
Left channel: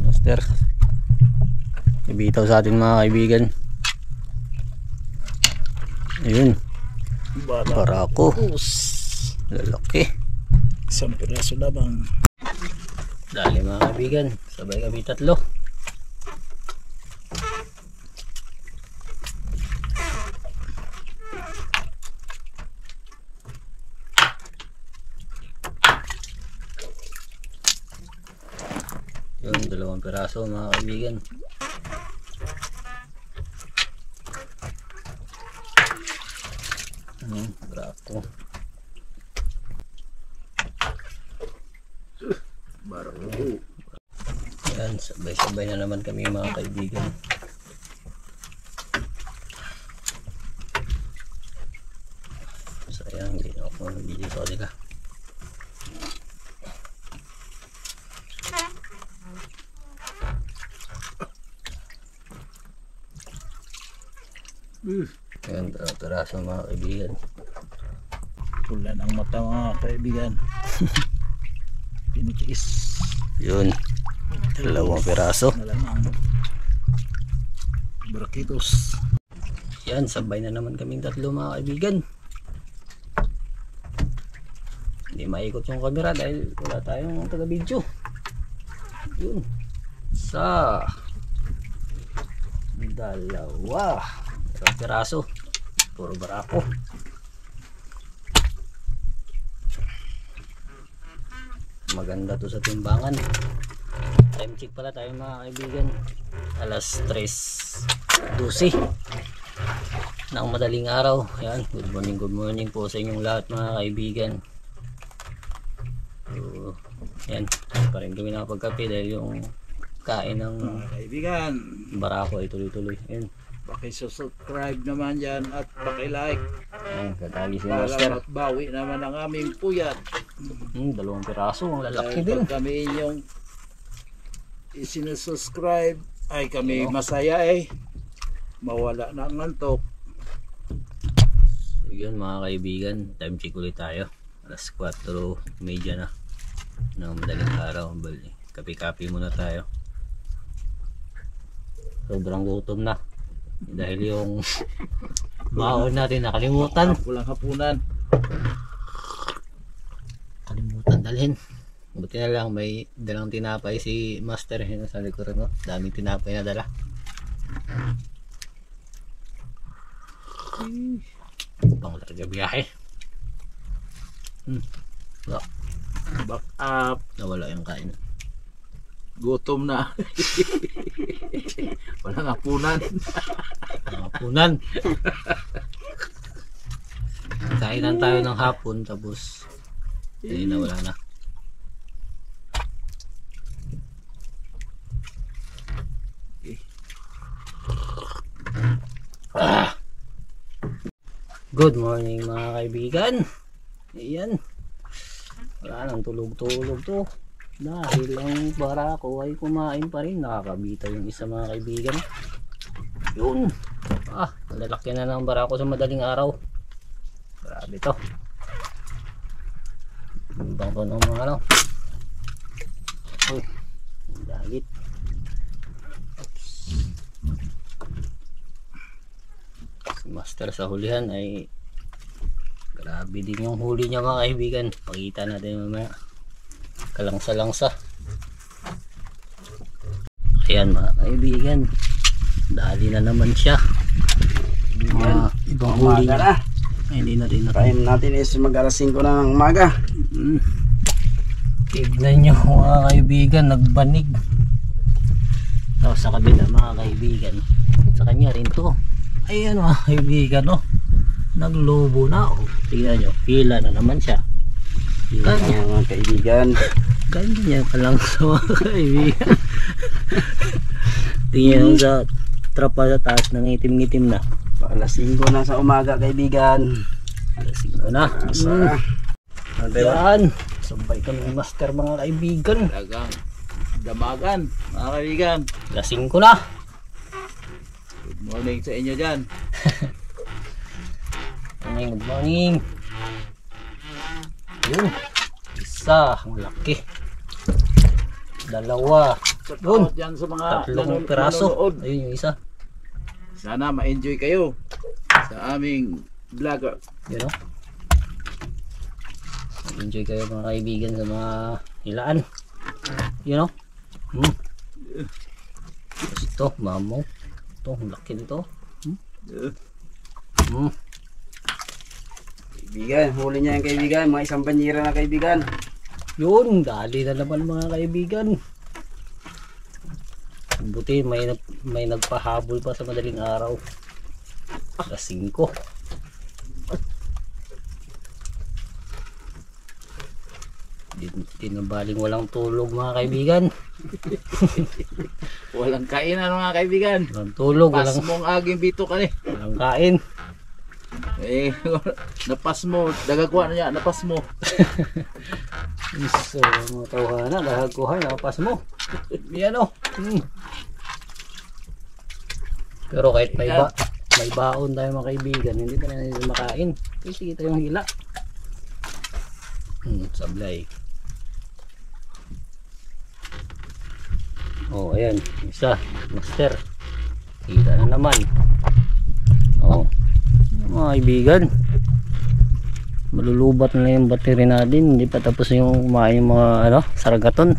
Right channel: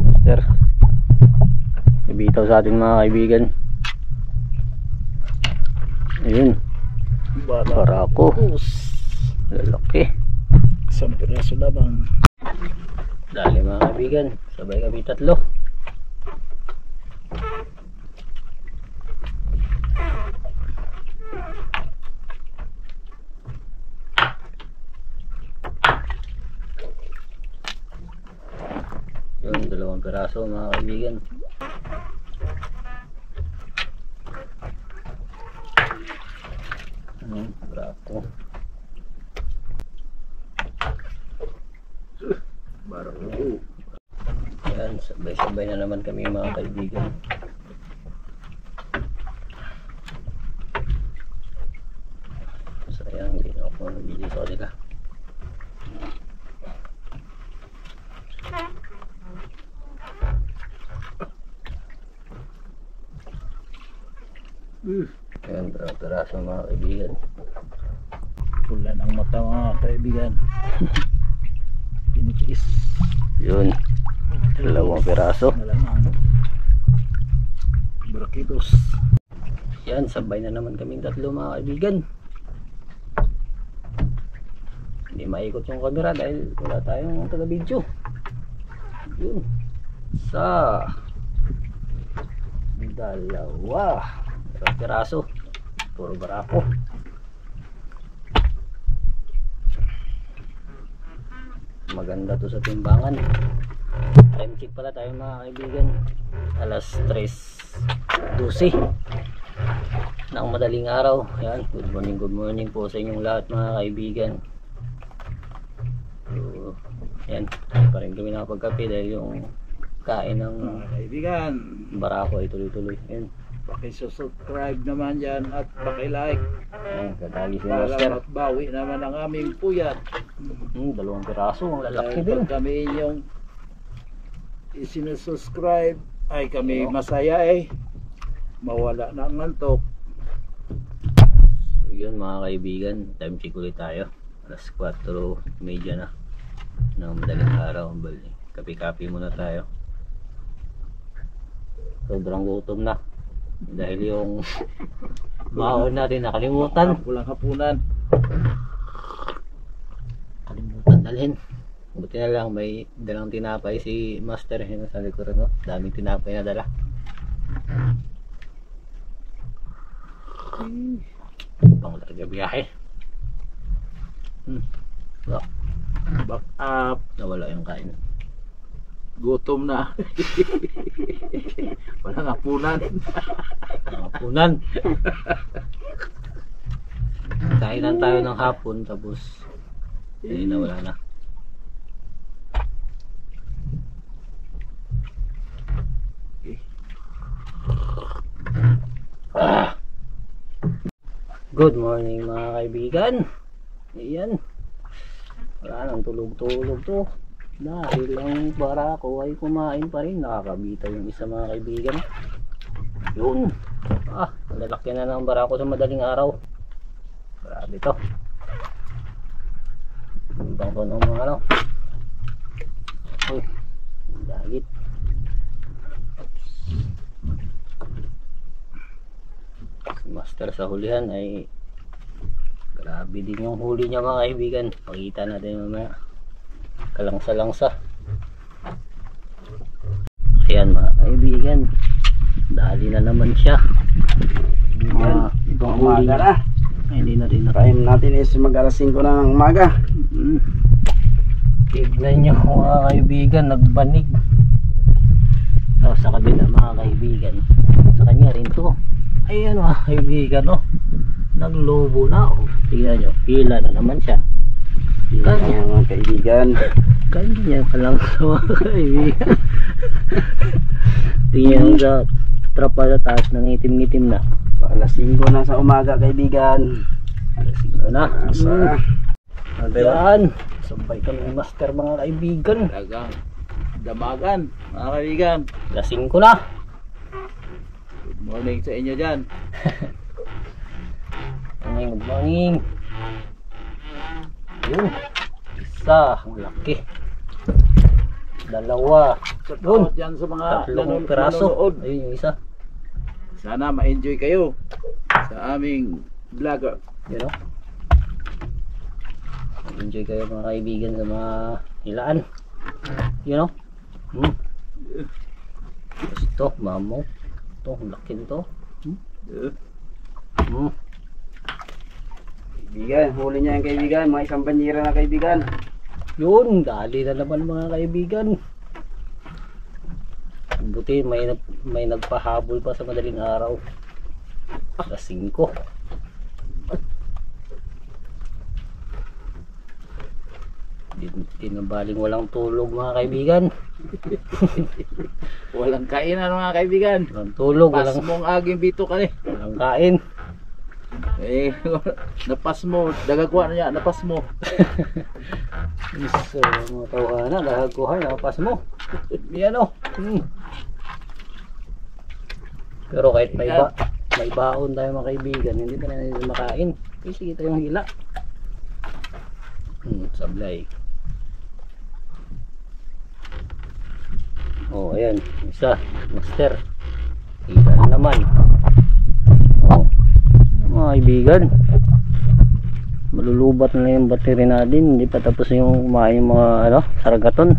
Master. Ibitaw sa atin mga kaibigan. Ayun. Barako. Lalaki. Isang piraso labang. Dali mga kaibigan. Sabay kami tatlo. Yun, 2 piraso mga kaibigan. Barako. Barako. Yan, sabay-sabay na naman kami mga kaibigan. Sayang, hindi na ako nabili sa kanila. Yan, 2 piraso mga kaibigan. Pula ng mata mga kaibigan. Pinitiis. Yun, 2 piraso. Nalamang. Brakitos. Yan, sabay na naman kaming tatlo mga kaibigan. Hindi maikot yung camera dahil wala tayong taga-video. Yun. 2 piraso. Puro barako. Maganda to sa timbangan. Time check pala tayo mga kaibigan. Alas 3:12 ng madaling araw. Yan, good morning po sa inyong lahat mga kaibigan. So, yan, pa rin kami nakapagkape dahil yung kain ng Mga kaibigan, barako ay tuloy-tuloy. Yan, paki-subscribe naman dyan at paki-like yan, kakali si para Master. bawi naman ang aming puyat. 2 piraso, ang lalaki Dahil din. pag kami inyong isinususcribe ay kami masaya eh. Mawala na ang antok. So, yun mga kaibigan, time check ulit tayo. Alas 4:30 na ng madaling araw. Bali, kape-kape muna tayo. Sobrang gutom na dahil yung baon natin nakalimutan Walang hapunan. dalhin. Buti na lang may dalang tinapay si Master yun sa likuran, no? Daming tinapay na dala. Pang larga biyahe. Back up. Nawala yung kain. Gutom na. Walang hapunan. Hapunan. Kainan tayo ng hapon tapos nawala na. Good morning mga kaibigan. Ayan. Wala nang tulog-tulog to. Dahil ang barako ay kumain pa rin. Nakakabita yung isa mga kaibigan. Yun. Lalaki na ng barako sa madaling araw. Grabe to. Ibang to ng mga ano. Uy. Dagit. Si Master sa hulihan ay grabe din yung huli niya mga kaibigan. Pakita natin mamaya. Kalangsa-langsa. Ayan mga kaibigan, dali na naman siya. Ibang huli Umaga niya. na. Ay, hindi na rin Time natin is mag alas 5 na ng umaga. Tignan nyo mga kaibigan, nagbanig. So, sa kabila mga kaibigan, sa kanya rin to. Ayan mga kaibigan, oh, naglobo na. Oh. Tignan nyo, pila na naman siya. Kanya mga kaibigan. Kanya pa lang sa mga kaibigan. Tingnan mo sa trapa sa taas, nangitim-ngitim na. Alas 5 na sa umaga kaibigan. Lasing na. Asa. Ayan. Sabay kami Master mga kaibigan. Talagang Damagan, mga kaibigan. Lasing ko na. Good morning sa inyo dyan. Good morning. Yun. Isa. Ang laki. Dalawa. Yun. Shoutout dyan sa mga Tatlong piraso. nanonood. Ayun yung isa. Sana ma-enjoy kayo sa aming vlogger. Yun o. Enjoy kayo mga kaibigan sa mga hilaan. Yun o. Tapos ito, mamaw. Ito, ang laki nito. Kaibigan, huli niya yung kaibigan. Mga isang banyera na kaibigan. Yun, dali na naman mga kaibigan. Buti may nagpahabol pa sa madaling araw. Alas 5. Di na baling walang tulog mga kaibigan. Walang kainan mga kaibigan. Walang tulog, Pas walang, mong aging bito ka ni. walang kain. Eh, napas mo. Dagagwa na niya, napas mo. So, mga tawanan, dahagkuhan, nakapas mo. Yan o. Pero kahit may baon tayo mga kaibigan, hindi pa rin makain. Kasi kita yung hila. Sablay. Oh, ayan. Isa. Master. Hila na naman. Oh. Mga kaibigan. Malulubat na yung battery natin. Hindi pa tapos yung kumain yung mga saragaton.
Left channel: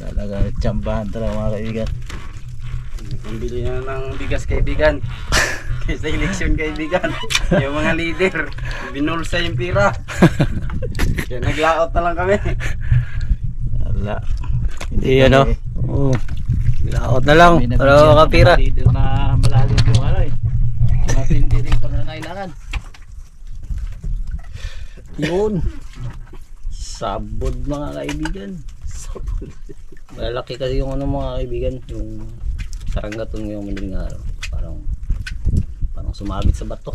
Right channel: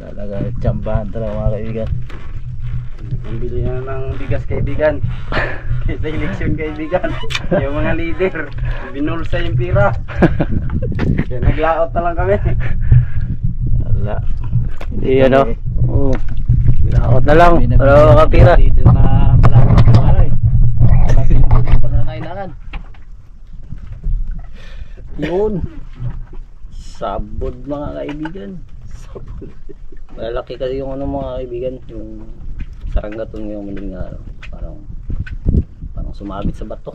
Talaga, tsambahan talaga mga kaibigan. Pambili na ng bigas kaibigan. Kaysa eleksyon kaibigan. Yung mga leader, binulsa yung pira. Kaya naglaot na lang kami. Wala. Hindi Oh. Laot na lang. Kami na Para bigyan makapira. ng dito na malalim yung aray. Matindi rin pangangailangan. Yun. Sabod mga kaibigan. Sabon. Malaki kasi yung mga kaibigan. Yung saranggaton ngayong madaling araw. Parang sumabit sa bato.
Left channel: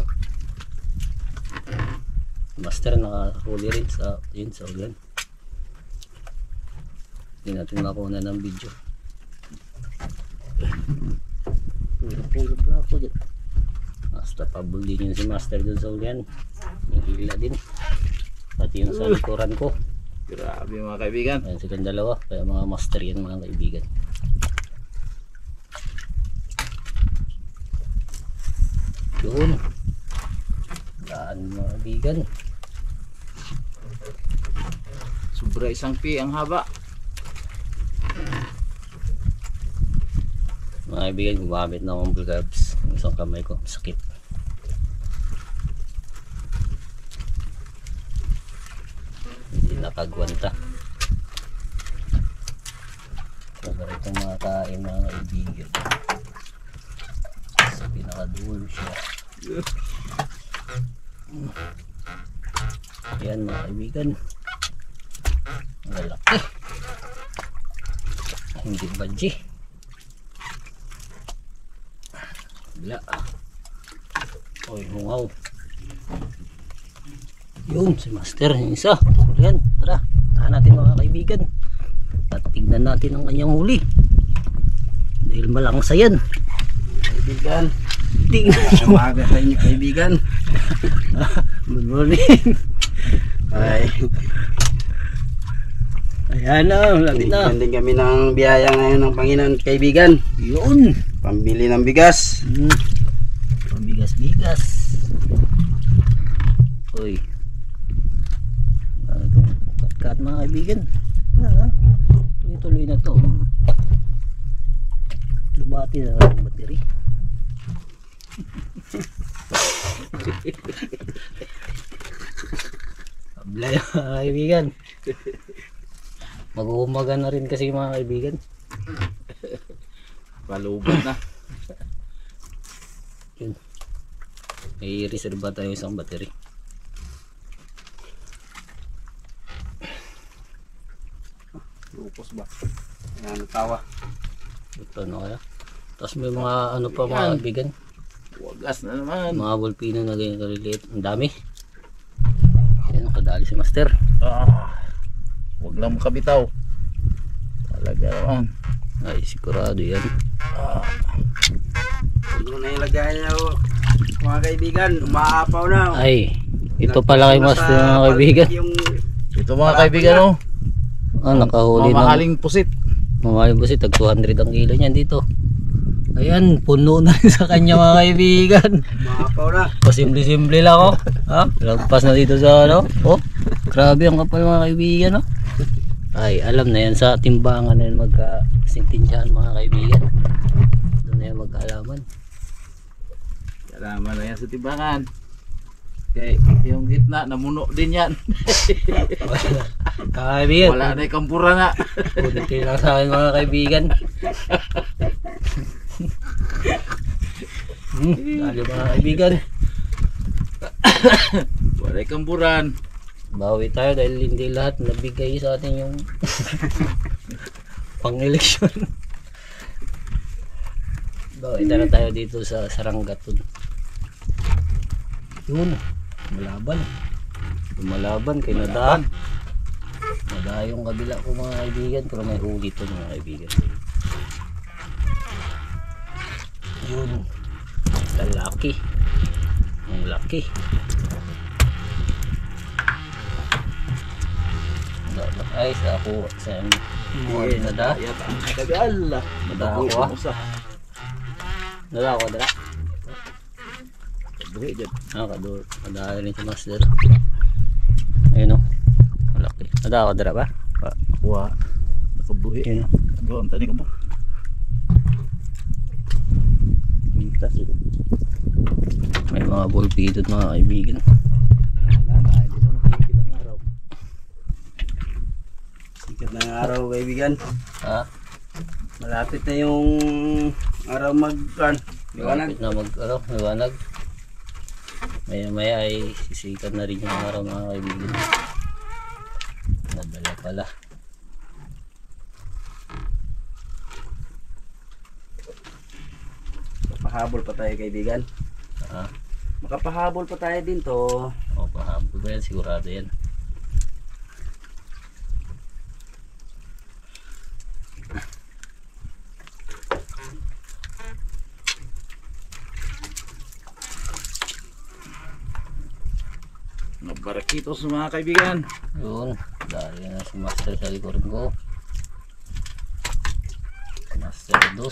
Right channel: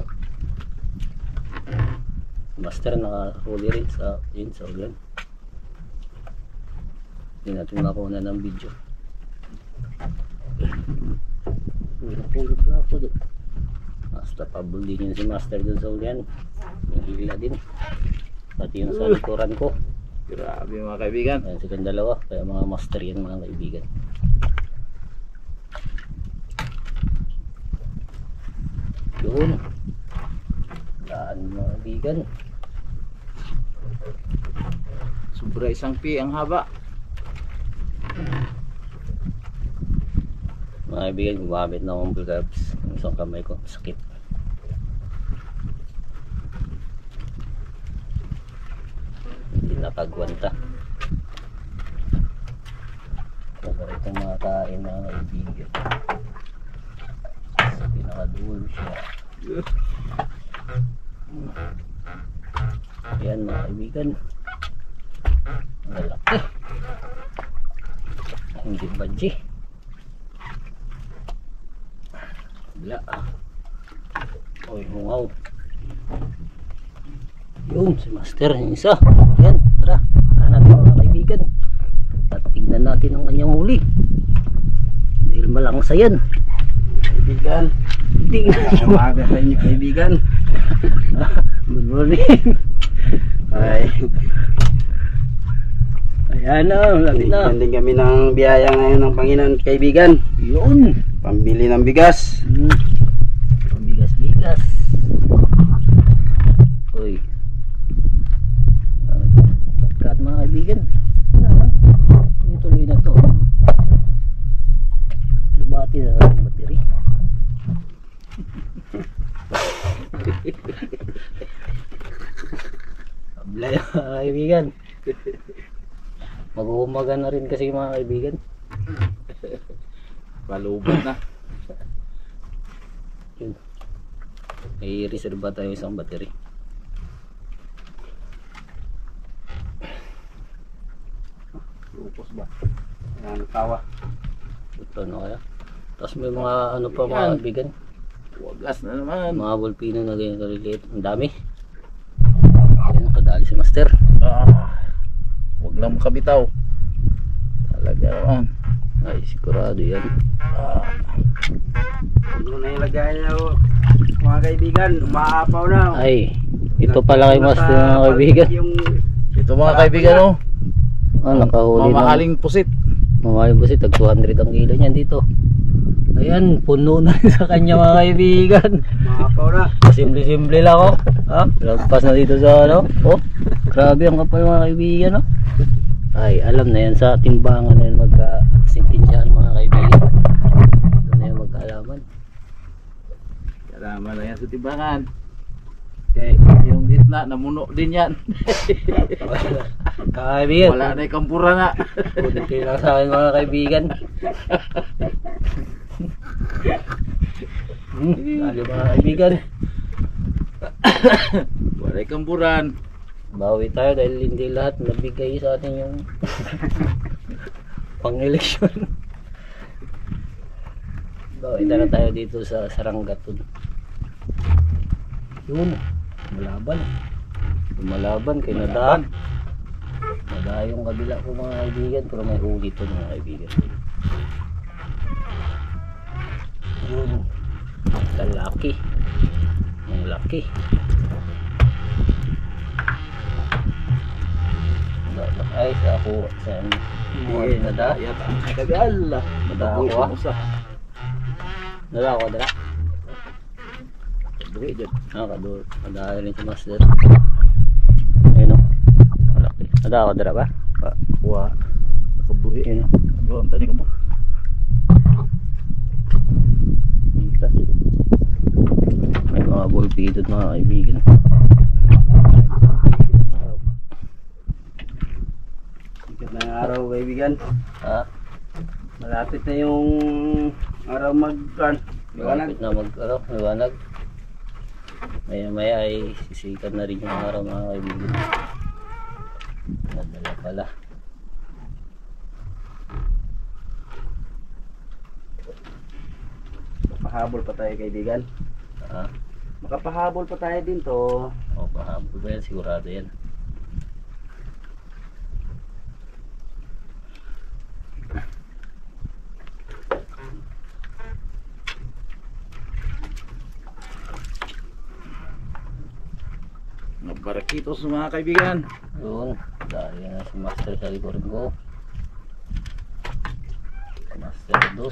Master nakahuli rin sa ulan. Hindi natin makuha ng video. Pulot na ako dyan. Basta pabul din yun si Master dun sa ulan. Yung hila din. Pati yung sa likuran ko. Grabe mga kaibigan. Ayan silang dalawa. Kaya mga master yan mga kaibigan. Yun. Daan mga kaibigan. Sobra isang pi ang haba. Mga kaibigan, gumamit na akong bulgabs. Yung isang kamay ko, sakit. Hindi nakagwanta. Masarap itong mga kain mga kaibigan. Sa pinakadulo siya. Ayan mga kaibigan. Malaki. Hindi badji. Wala. Oy, hungaw. Yun, si Master, yung isa. Yan, tara. Tara natin mga kaibigan. At tignan natin ang kanyang huli. Dahil malangsa yan. Kaibigan. Tignan. Umaga sa inyo kaibigan. Good morning. Ay, Ayan na, lagi na. bigyan din kami ng biyaya ngayon ng Panginoon kaibigan. Yun. Pambili ng bigas. Bigas-bigas. Uy. Kat mga kaibigan. Tuloy na to. Lumati na ang battery. Ablay mga kaibigan. Mag-uumaga na rin kasi mga kaibigan. Palubat na. Yun. May reserva tayo isang battery. Lupos ba? Ayan, tawa. Ito ano kaya? Tapos may mga ano pa mga kaibigan. Wagas na naman. Mga volpino na ganyan kaliliit. Ang dami. Ayan, nakadali si Master. Huwag lang makabitaw. Talaga naman. Ay, sigurado yan. Puno na yung lagayan niya oh. Mga kaibigan, umaapaw na. Ay, ito pala kay Master mga kaibigan. Ito mga kaibigan oh. Nakahuli ng Mamahaling pusit. mamahaling busit. Tag 200 ang kilo niyan dito. Ayan, puno na rin sa kanya mga kaibigan. Umaapaw na. Pasimple-simple lang oh. Ha? Lagpas na dito sa ano. Oh, grabe ang kapal mga kaibigan oh. Ay, alam na yan sa timbangan na yan magka-sintensyahan mga kaibigan. Doon na yan magkaalaman. Kalaman na yan sa timbangan. Okay, yung gitna, namuno din yan. Kaibigan, Wala na yung kampura nga. kunti lang sa akin mga kaibigan. Dali mga kaibigan. Wala yung kampuran. Bawi tayo dahil hindi lahat nabigay sa atin yung pang-eleksyon. Bawi na tayo dito sa Saranggaton. Yun, malaban. Lumalaban kay Nadaan. Nadaan yung kabila ko mga kaibigan, pero may huli to mga kaibigan. Yun, lalaki. Ang laki. Ay, sa ako sa mga nada. Yata. Tagal. Nada ako ah. Nada ako dala. Buhi dyan. Kador. Nada rin si Master. Ayun o. Malaki. Nada ako dala ba? Kuha. Nakabuhi. Ayun o. Doon, tani ka mo. Mintas. May mga bulpidot mga kaibigan. Sikat na ng araw kaibigan. Ha? Malapit na yung araw liwanag. Malapit na liwanag. Maya maya ay sisikat na rin yung araw mga kaibigan. Nadala pala. Pahabol pa tayo kaibigan. Ha? Makapahabol pa tayo din to. O pahabol ba yan? Sigurado yan. Mga barakitos mga kaibigan. Yun, dahil na si Master sa likurin ko. Master 2.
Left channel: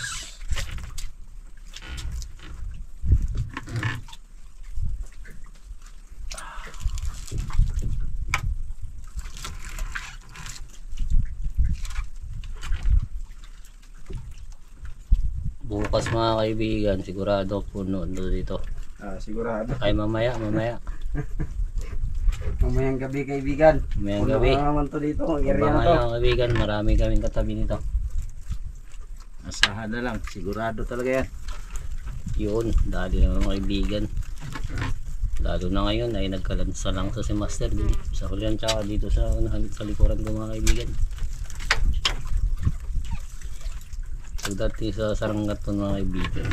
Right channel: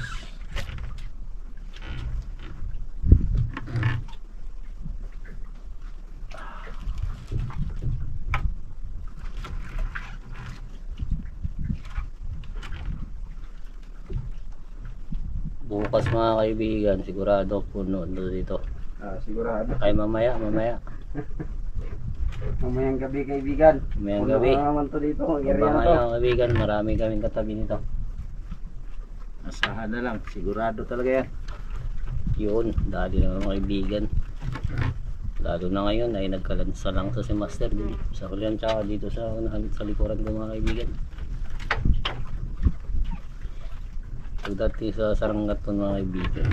Bukas mga kaibigan, sigurado puno dito. Sigurado. Ay mamaya. Mamayang gabi kaibigan. Mamayang Puno gabi. na naman to dito. Ang area na Abangan to. nyo kaibigan, marami kaming katabi nito. Asahan na lang. Sigurado talaga yan. Yun, dali na mga kaibigan. Lalo na ngayon ay nagkalansa lang sa si Master dito sa kulian tsaka dito sa likuran ko mga kaibigan. Pagdating sa Saranggaton mga kaibigan,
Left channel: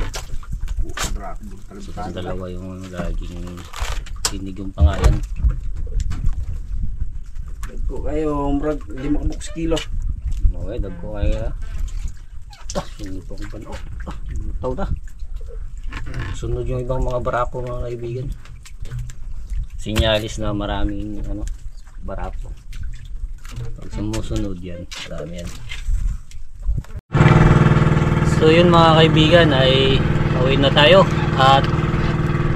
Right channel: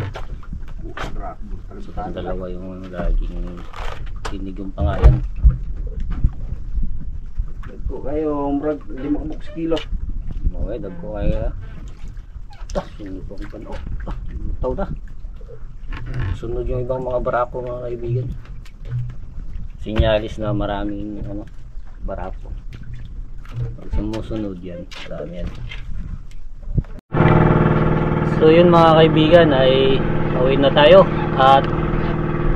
sa dalawa yung laging tinig yung pangalan. Dagko kayo, murag 5 kilo. Okay, dagko kaya. Sinipong pan. Taw na. Sunod yung ibang mga barako mga kaibigan. Sinyalis na maraming barako. Pag sumusunod yan, marami yan. So yun mga kaibigan, ay pauwi na tayo at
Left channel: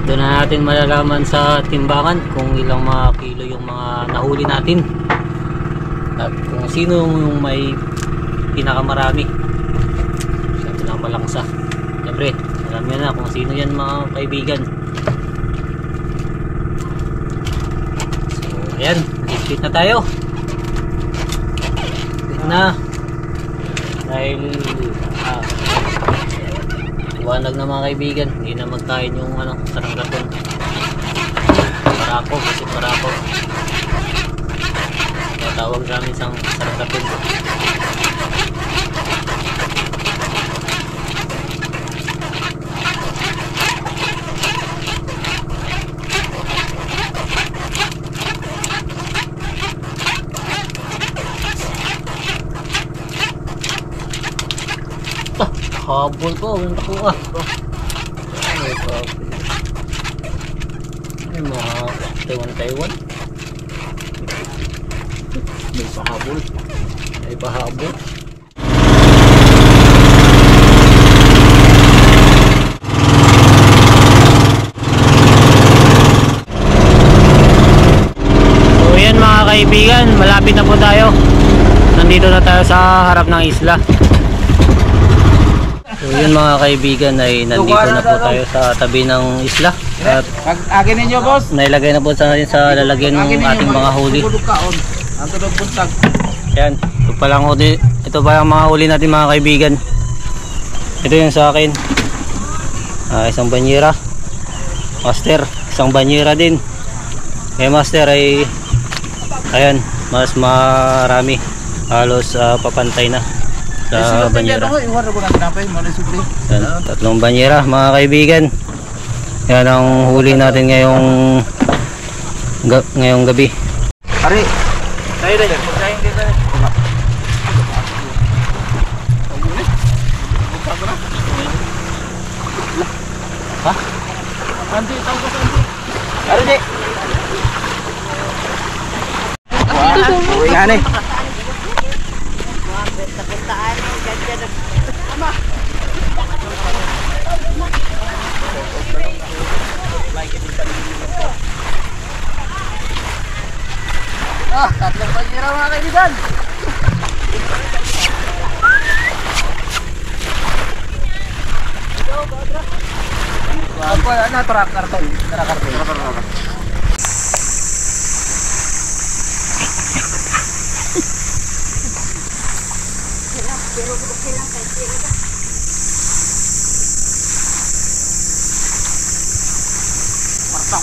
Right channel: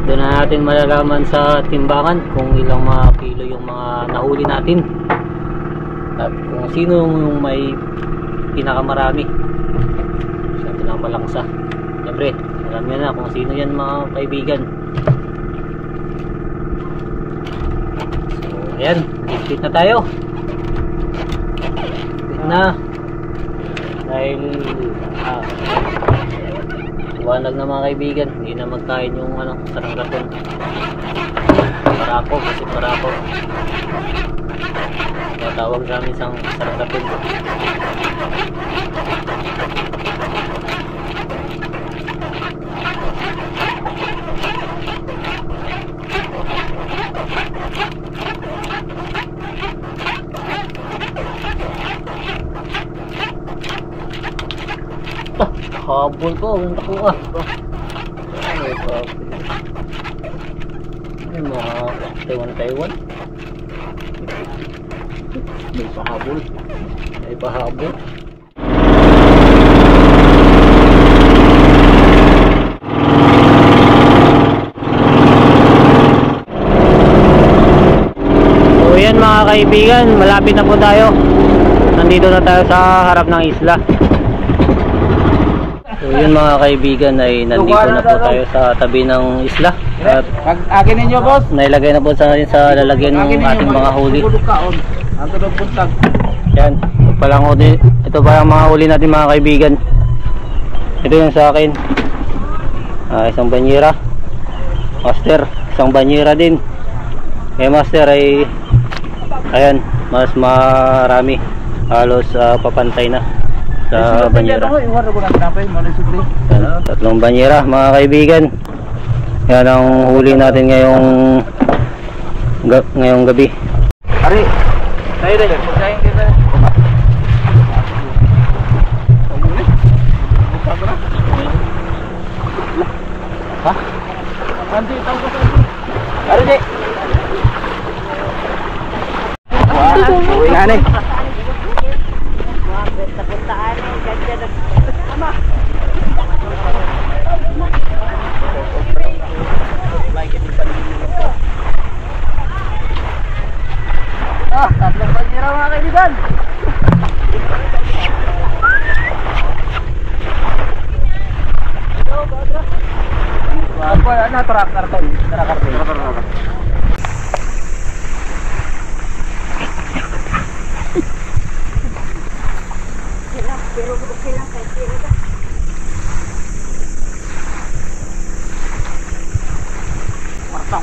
doon na natin malalaman sa timbangan kung ilang mga kilo yung mga nahuli natin at kung sino yung may pinakamarami sa pinakamalangsa. Siyempre alam nyo na kung sino yan mga kaibigan. So ayan, higpit na tayo, higpit na dahil liwanag na mga kaibigan, hindi na magkain yung Saranggaton. Barako, kasi barako. Kaya tawag namin isang Saranggaton. Habol po, ang nakuha. Ay, mga Taiwan. May pahabol. May pahabol. So yan mga kaibigan, malapit na po tayo. Nandito na tayo sa harap ng isla. So yun mga kaibigan ay nandito na po tayo sa tabi ng isla. At Akin ninyo, boss. nailagay na po sa lalagyan ng ating mga huli. Ang tulog buntag. Yan, ito pa lang mga huli natin mga kaibigan. Ito yung sa akin. Isang banyera. Master, isang banyera din. Kaya master ay ayan, mas marami. Halos papantay na sa banyera. Yan, tatlong banyera mga kaibigan. Yan ang huli natin ngayong gabi. Ari, Tayo dahil. Magkain kita. Ha? Andi, tawag ko sa andi. ari di. Uwi nga ni. Tatlong banyera mga kaibigan. Apa na tarak karton.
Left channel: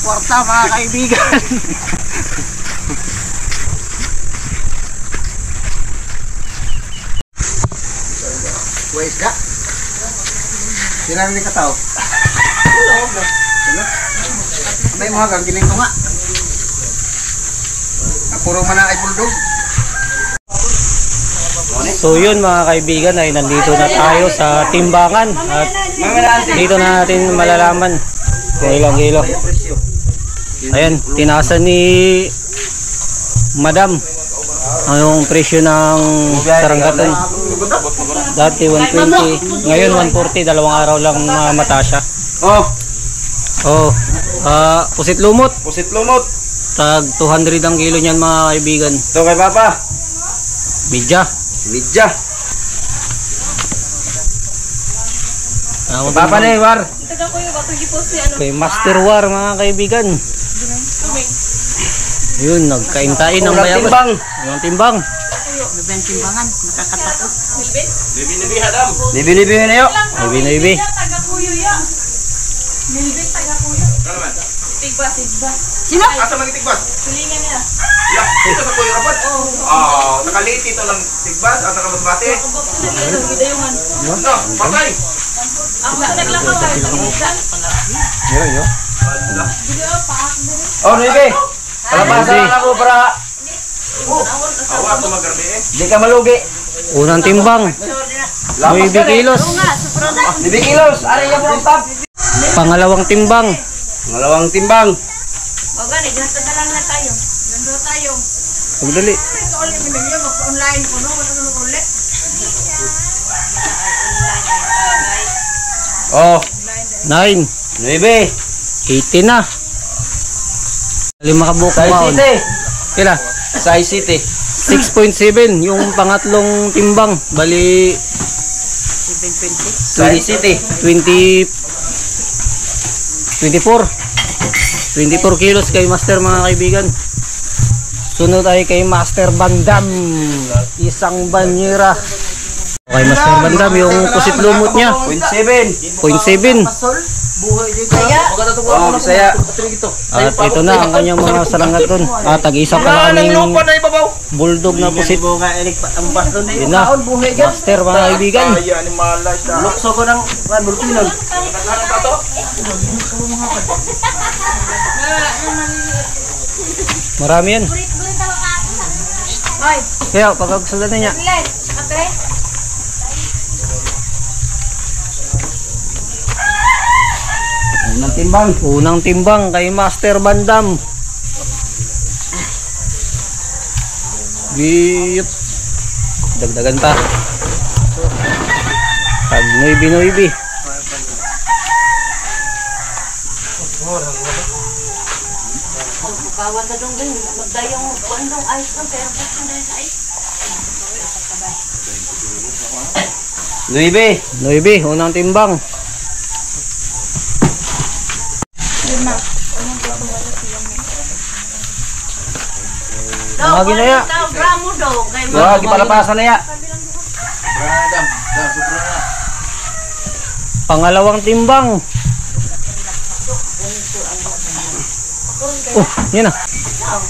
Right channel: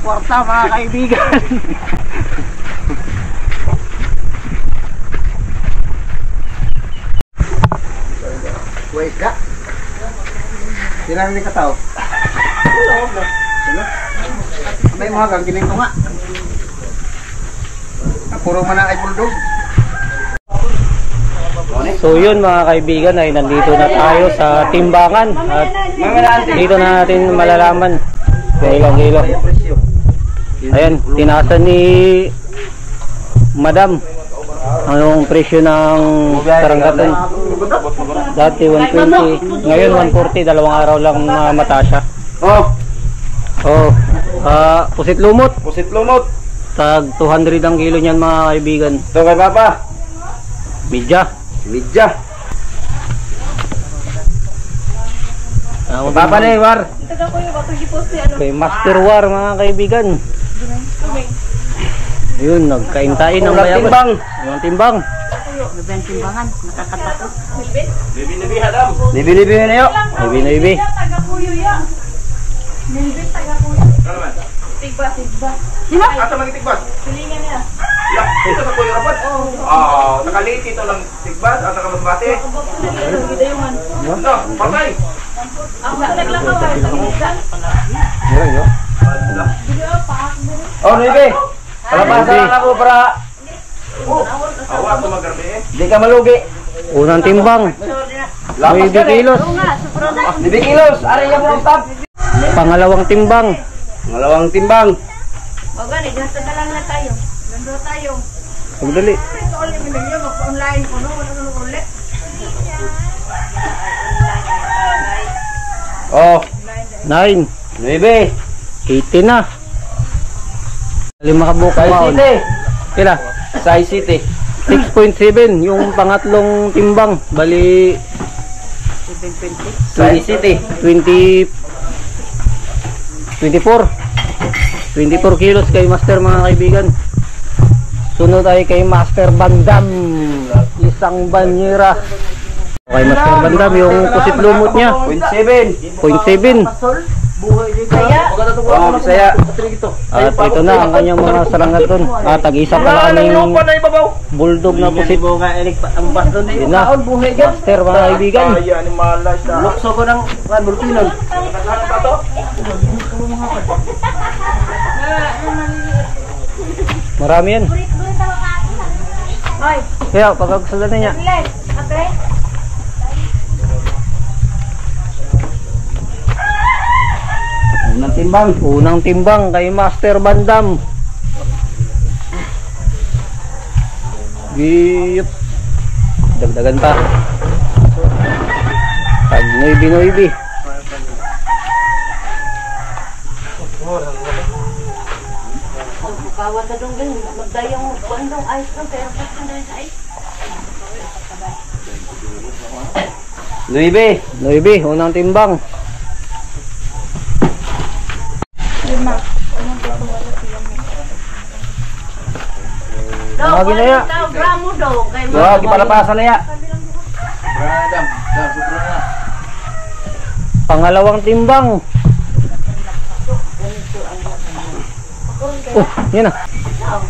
Kwarta mga kaibigan. Wais ka? Sinang ni kataw? May mga ganggiling ko nga. Puro man ay bulldog. So yun mga kaibigan ay nandito na tayo sa timbangan at dito na natin malalaman kung ilang kilo. Ayan, tinasan ni Madam anong presyo ng sarangkaton. Dati 120, ngayon 140, dalawang araw lang na mata siya. Pusit lumot. Pusit lumot. Tag 200 ang kilo niyan mga kaibigan. Ito kay Papa. Midya. Midya. Papa na war. Kay Master War mga kaibigan. Yun, nagkaintain ng Ulang bayabas. timbang. Ulang timbang. Timbangan, nakakatakot. Libi-libi na yun. Ibi. Sino? Asa mga tigbas? Tulingan nila. Ya, ito sa kuya rapat. Nakaliit ito lang tigbas at nakamasbate. No, patay. Ako sa naglakaw ay pag-isa. Oh, Ribe. Palabasan lang ako para Awa ito magarbi eh. di ka malugi. Unang timbang. Lapas 9 ka rin. kilos. Libi kilos. Ari yung mga tab. Pangalawang timbang. Ngalawang timbang. O gani, ganito na lang na tayo. Ganito tayo. Pagdali. Ito ulit ninyo, mag-online ko, no? Wala ulit. Oh, 9. 9. 18 na. 5 kabuka Size maon. City. Kila? Size City. 6.7 yung pangatlong timbang. Bali 720. Size City. 24 kilos kay Master mga kaibigan. Sunod ay kay Master Bandam, isang banyera. Kay Master Bandam yung pusit lumot niya 0.7. 0.7. Kaya, Oh, Bisaya. At ito na ang kanyang mga sarangaton. Tag-isa pa na kaming bulldog na pusit. Yun na, Master mga kaibigan. Lukso ko ng bulpinon. Marami yan. Hoy, Kaya pagkagsulat niya. Glenn, ate. timbang. Unang timbang kay Master Bandam. Giyop. Dagdagan pa. Pag noibi. Kawan ka dong din. Magdayang kuandong ice lang. Pero kasi na sa ice. 9. Unang timbang. Mga ginaya. Gramo daw. Kay Wag ipalapasan na ya. Dam, sobra na. Pangalawang timbang. Oh, yan na.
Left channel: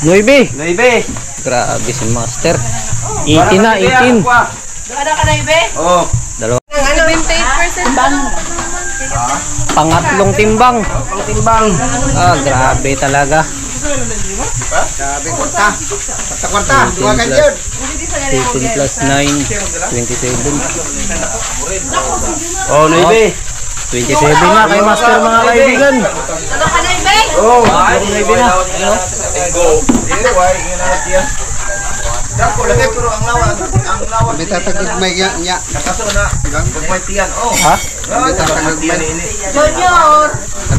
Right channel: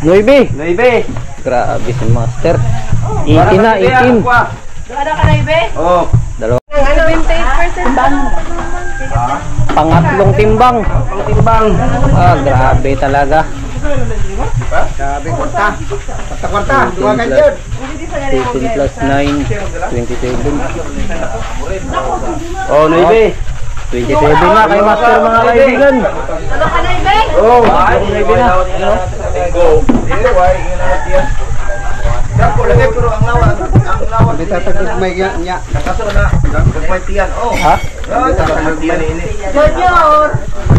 9. 9. Grabe si Master. 18 na, 18. Ada ka na ibe? Oh. Dalawa. Ano 28% bang? Pangatlong timbang. Ang timbang. Ah, grabe talaga. Grabe kwarta. Kwarta. Duwagan yun. 18 plus 9, 27. Oh, 9. 27 na kay Master mga kaibigan. Ano ka na ibe? Oh. 27 na. Dako lagi pero ang lawan Bitatagagmay niya. nakaso na gagmay tiyan. Oh. Ha? Gagmay tiyan ini. Junior.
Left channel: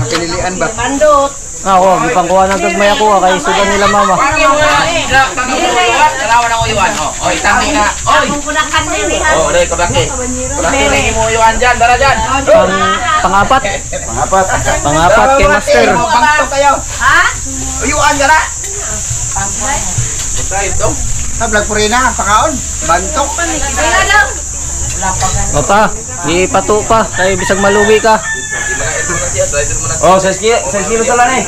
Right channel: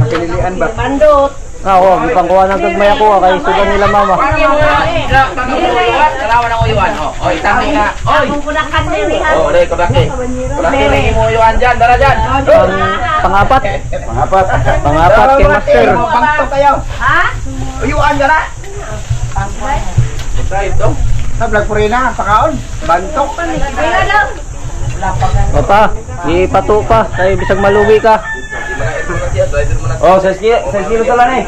Pinilian ba? Pandot. Ah, oh, gipangkuha ng gagmay ako kay sugan nila mama. Kalawan ang uyuan. Oh, oy tami nga. Oy. Kung kunakan nili ha. Oh, dai kabaki. Kabaki mo uyuan diyan, dara diyan. Pangapat. Pangapat. Kay Master. Bangto kayo. Ha? Uyuan dara. Try ito. Tablag po rin na. Pakaon. Bantok. Kaya daw. Opa, di pato pa kay bisag maluwi ka. Oh, 6 kilo tala ni.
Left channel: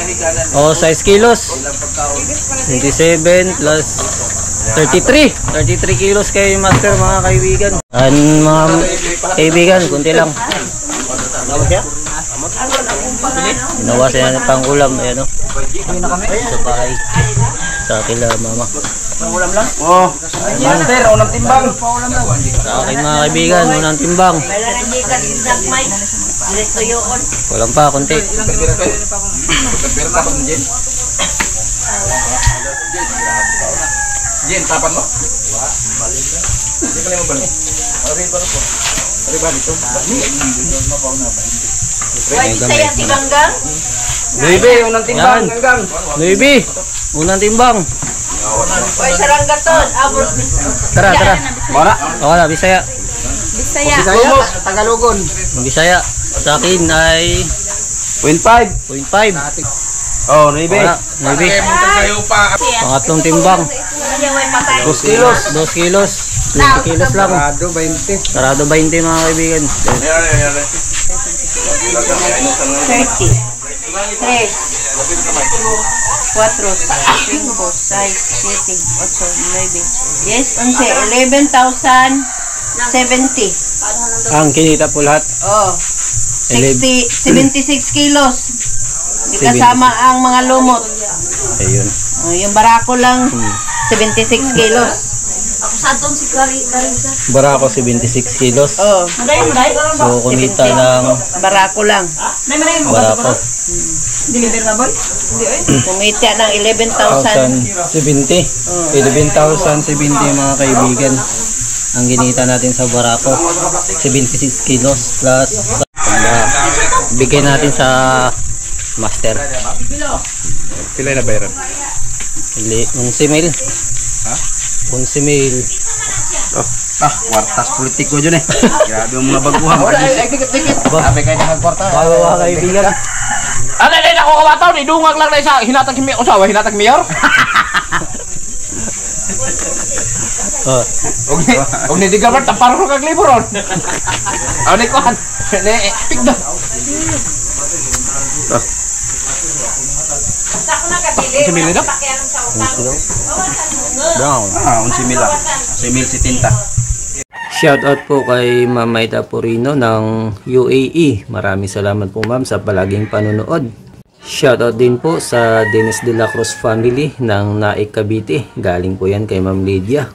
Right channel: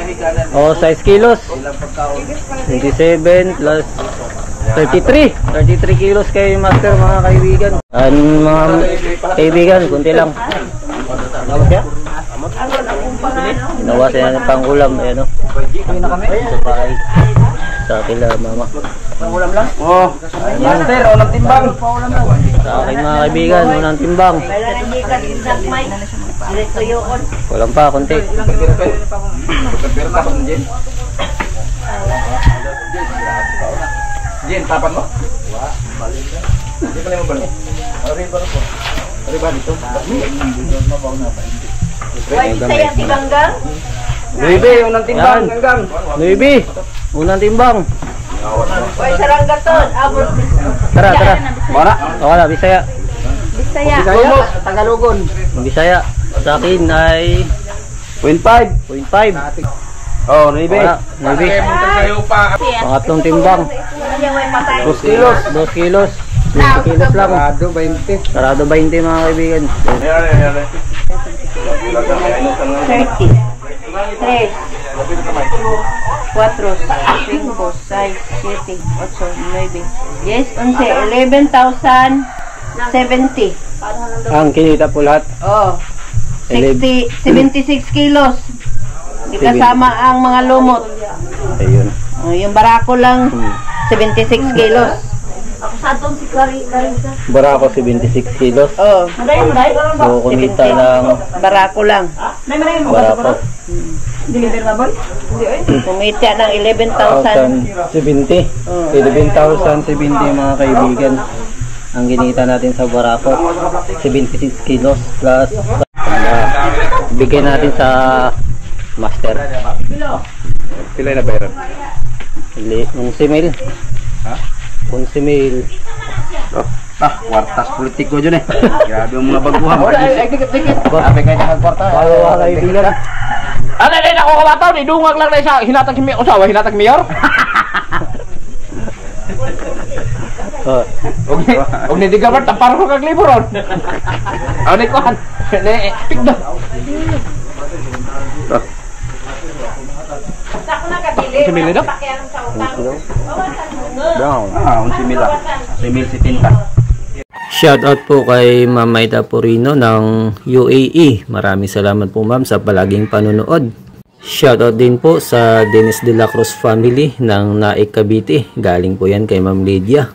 Oh, 6 kilos. 27 plus 33. 33 kilos kay Master mga kaibigan. Mga kaibigan, kunti lang. Ginawa siya ng pangulam. Ayan o. Sa bahay. Sa kila mama. Oh. Master, unang timbang. Sa akin mga kaibigan, unang timbang. Wala na di ka sinagmay. Diretso yun. Walang pa, kunti. Jen, tapan mo? Hindi ka mo balik. Ari ba po? Ari ba dito? Why saya si Ganggang? 9, unang timbang. Yan. Ganggang. 9. Unang timbang. Why saranggaton? Abot. Tara. Wala. O na, Bisaya. Bisaya. Bisaya. Tagalogon. Bisaya. Sa akin ay 0.5. 0.5. Oh, 9. Wala, 9. Kayo pa. Pangatlong timbang. Kaya way patay. 2 kilos. 2 kilos. 20 kilos lang. Sarado 20. Sarado 20 mga kaibigan. 30. 3. 4, 5, 6, 7, 8, 9, 10, 11, 11,070. Ang kinita po lahat. Oh. 76 kilos. Di kasama ang mga lumot. Ayun. Oh, yung barako lang 76 kilos. Ako sa doon si Carissa. Barako 76 kilos. Oh. So kumita ng Barako lang. barako. Deliver na boy? Kumita ng 11,000. 1,070. 11,070 mga kaibigan. Ang ginita natin sa barako 76 kilos plus bigay natin sa Master. Pila na bayaran? 11 mil. Ha? 11 mil. Kwartas politiko dyan eh. Grabe yung mga baguhan. Dikit-dikit. Sabi kayo nakagkwarta. Mga kaibigan. Ano din ako kabataw ni dungag lang na isa hinatag mi usawa hinatag mayor. Oh, Og ni digabar tapar ko kag liburon. Aw ni kuan. Ni pigdo. Simili daw. down. 11 mil. 11,070. Shoutout po kay Ma'am Maida Purino ng UAE. Maraming salamat po ma'am sa palaging panonood. Shoutout din po sa Dennis de la Cruz family ng Naik Cavite. Galing po yan kay Ma'am Lydia.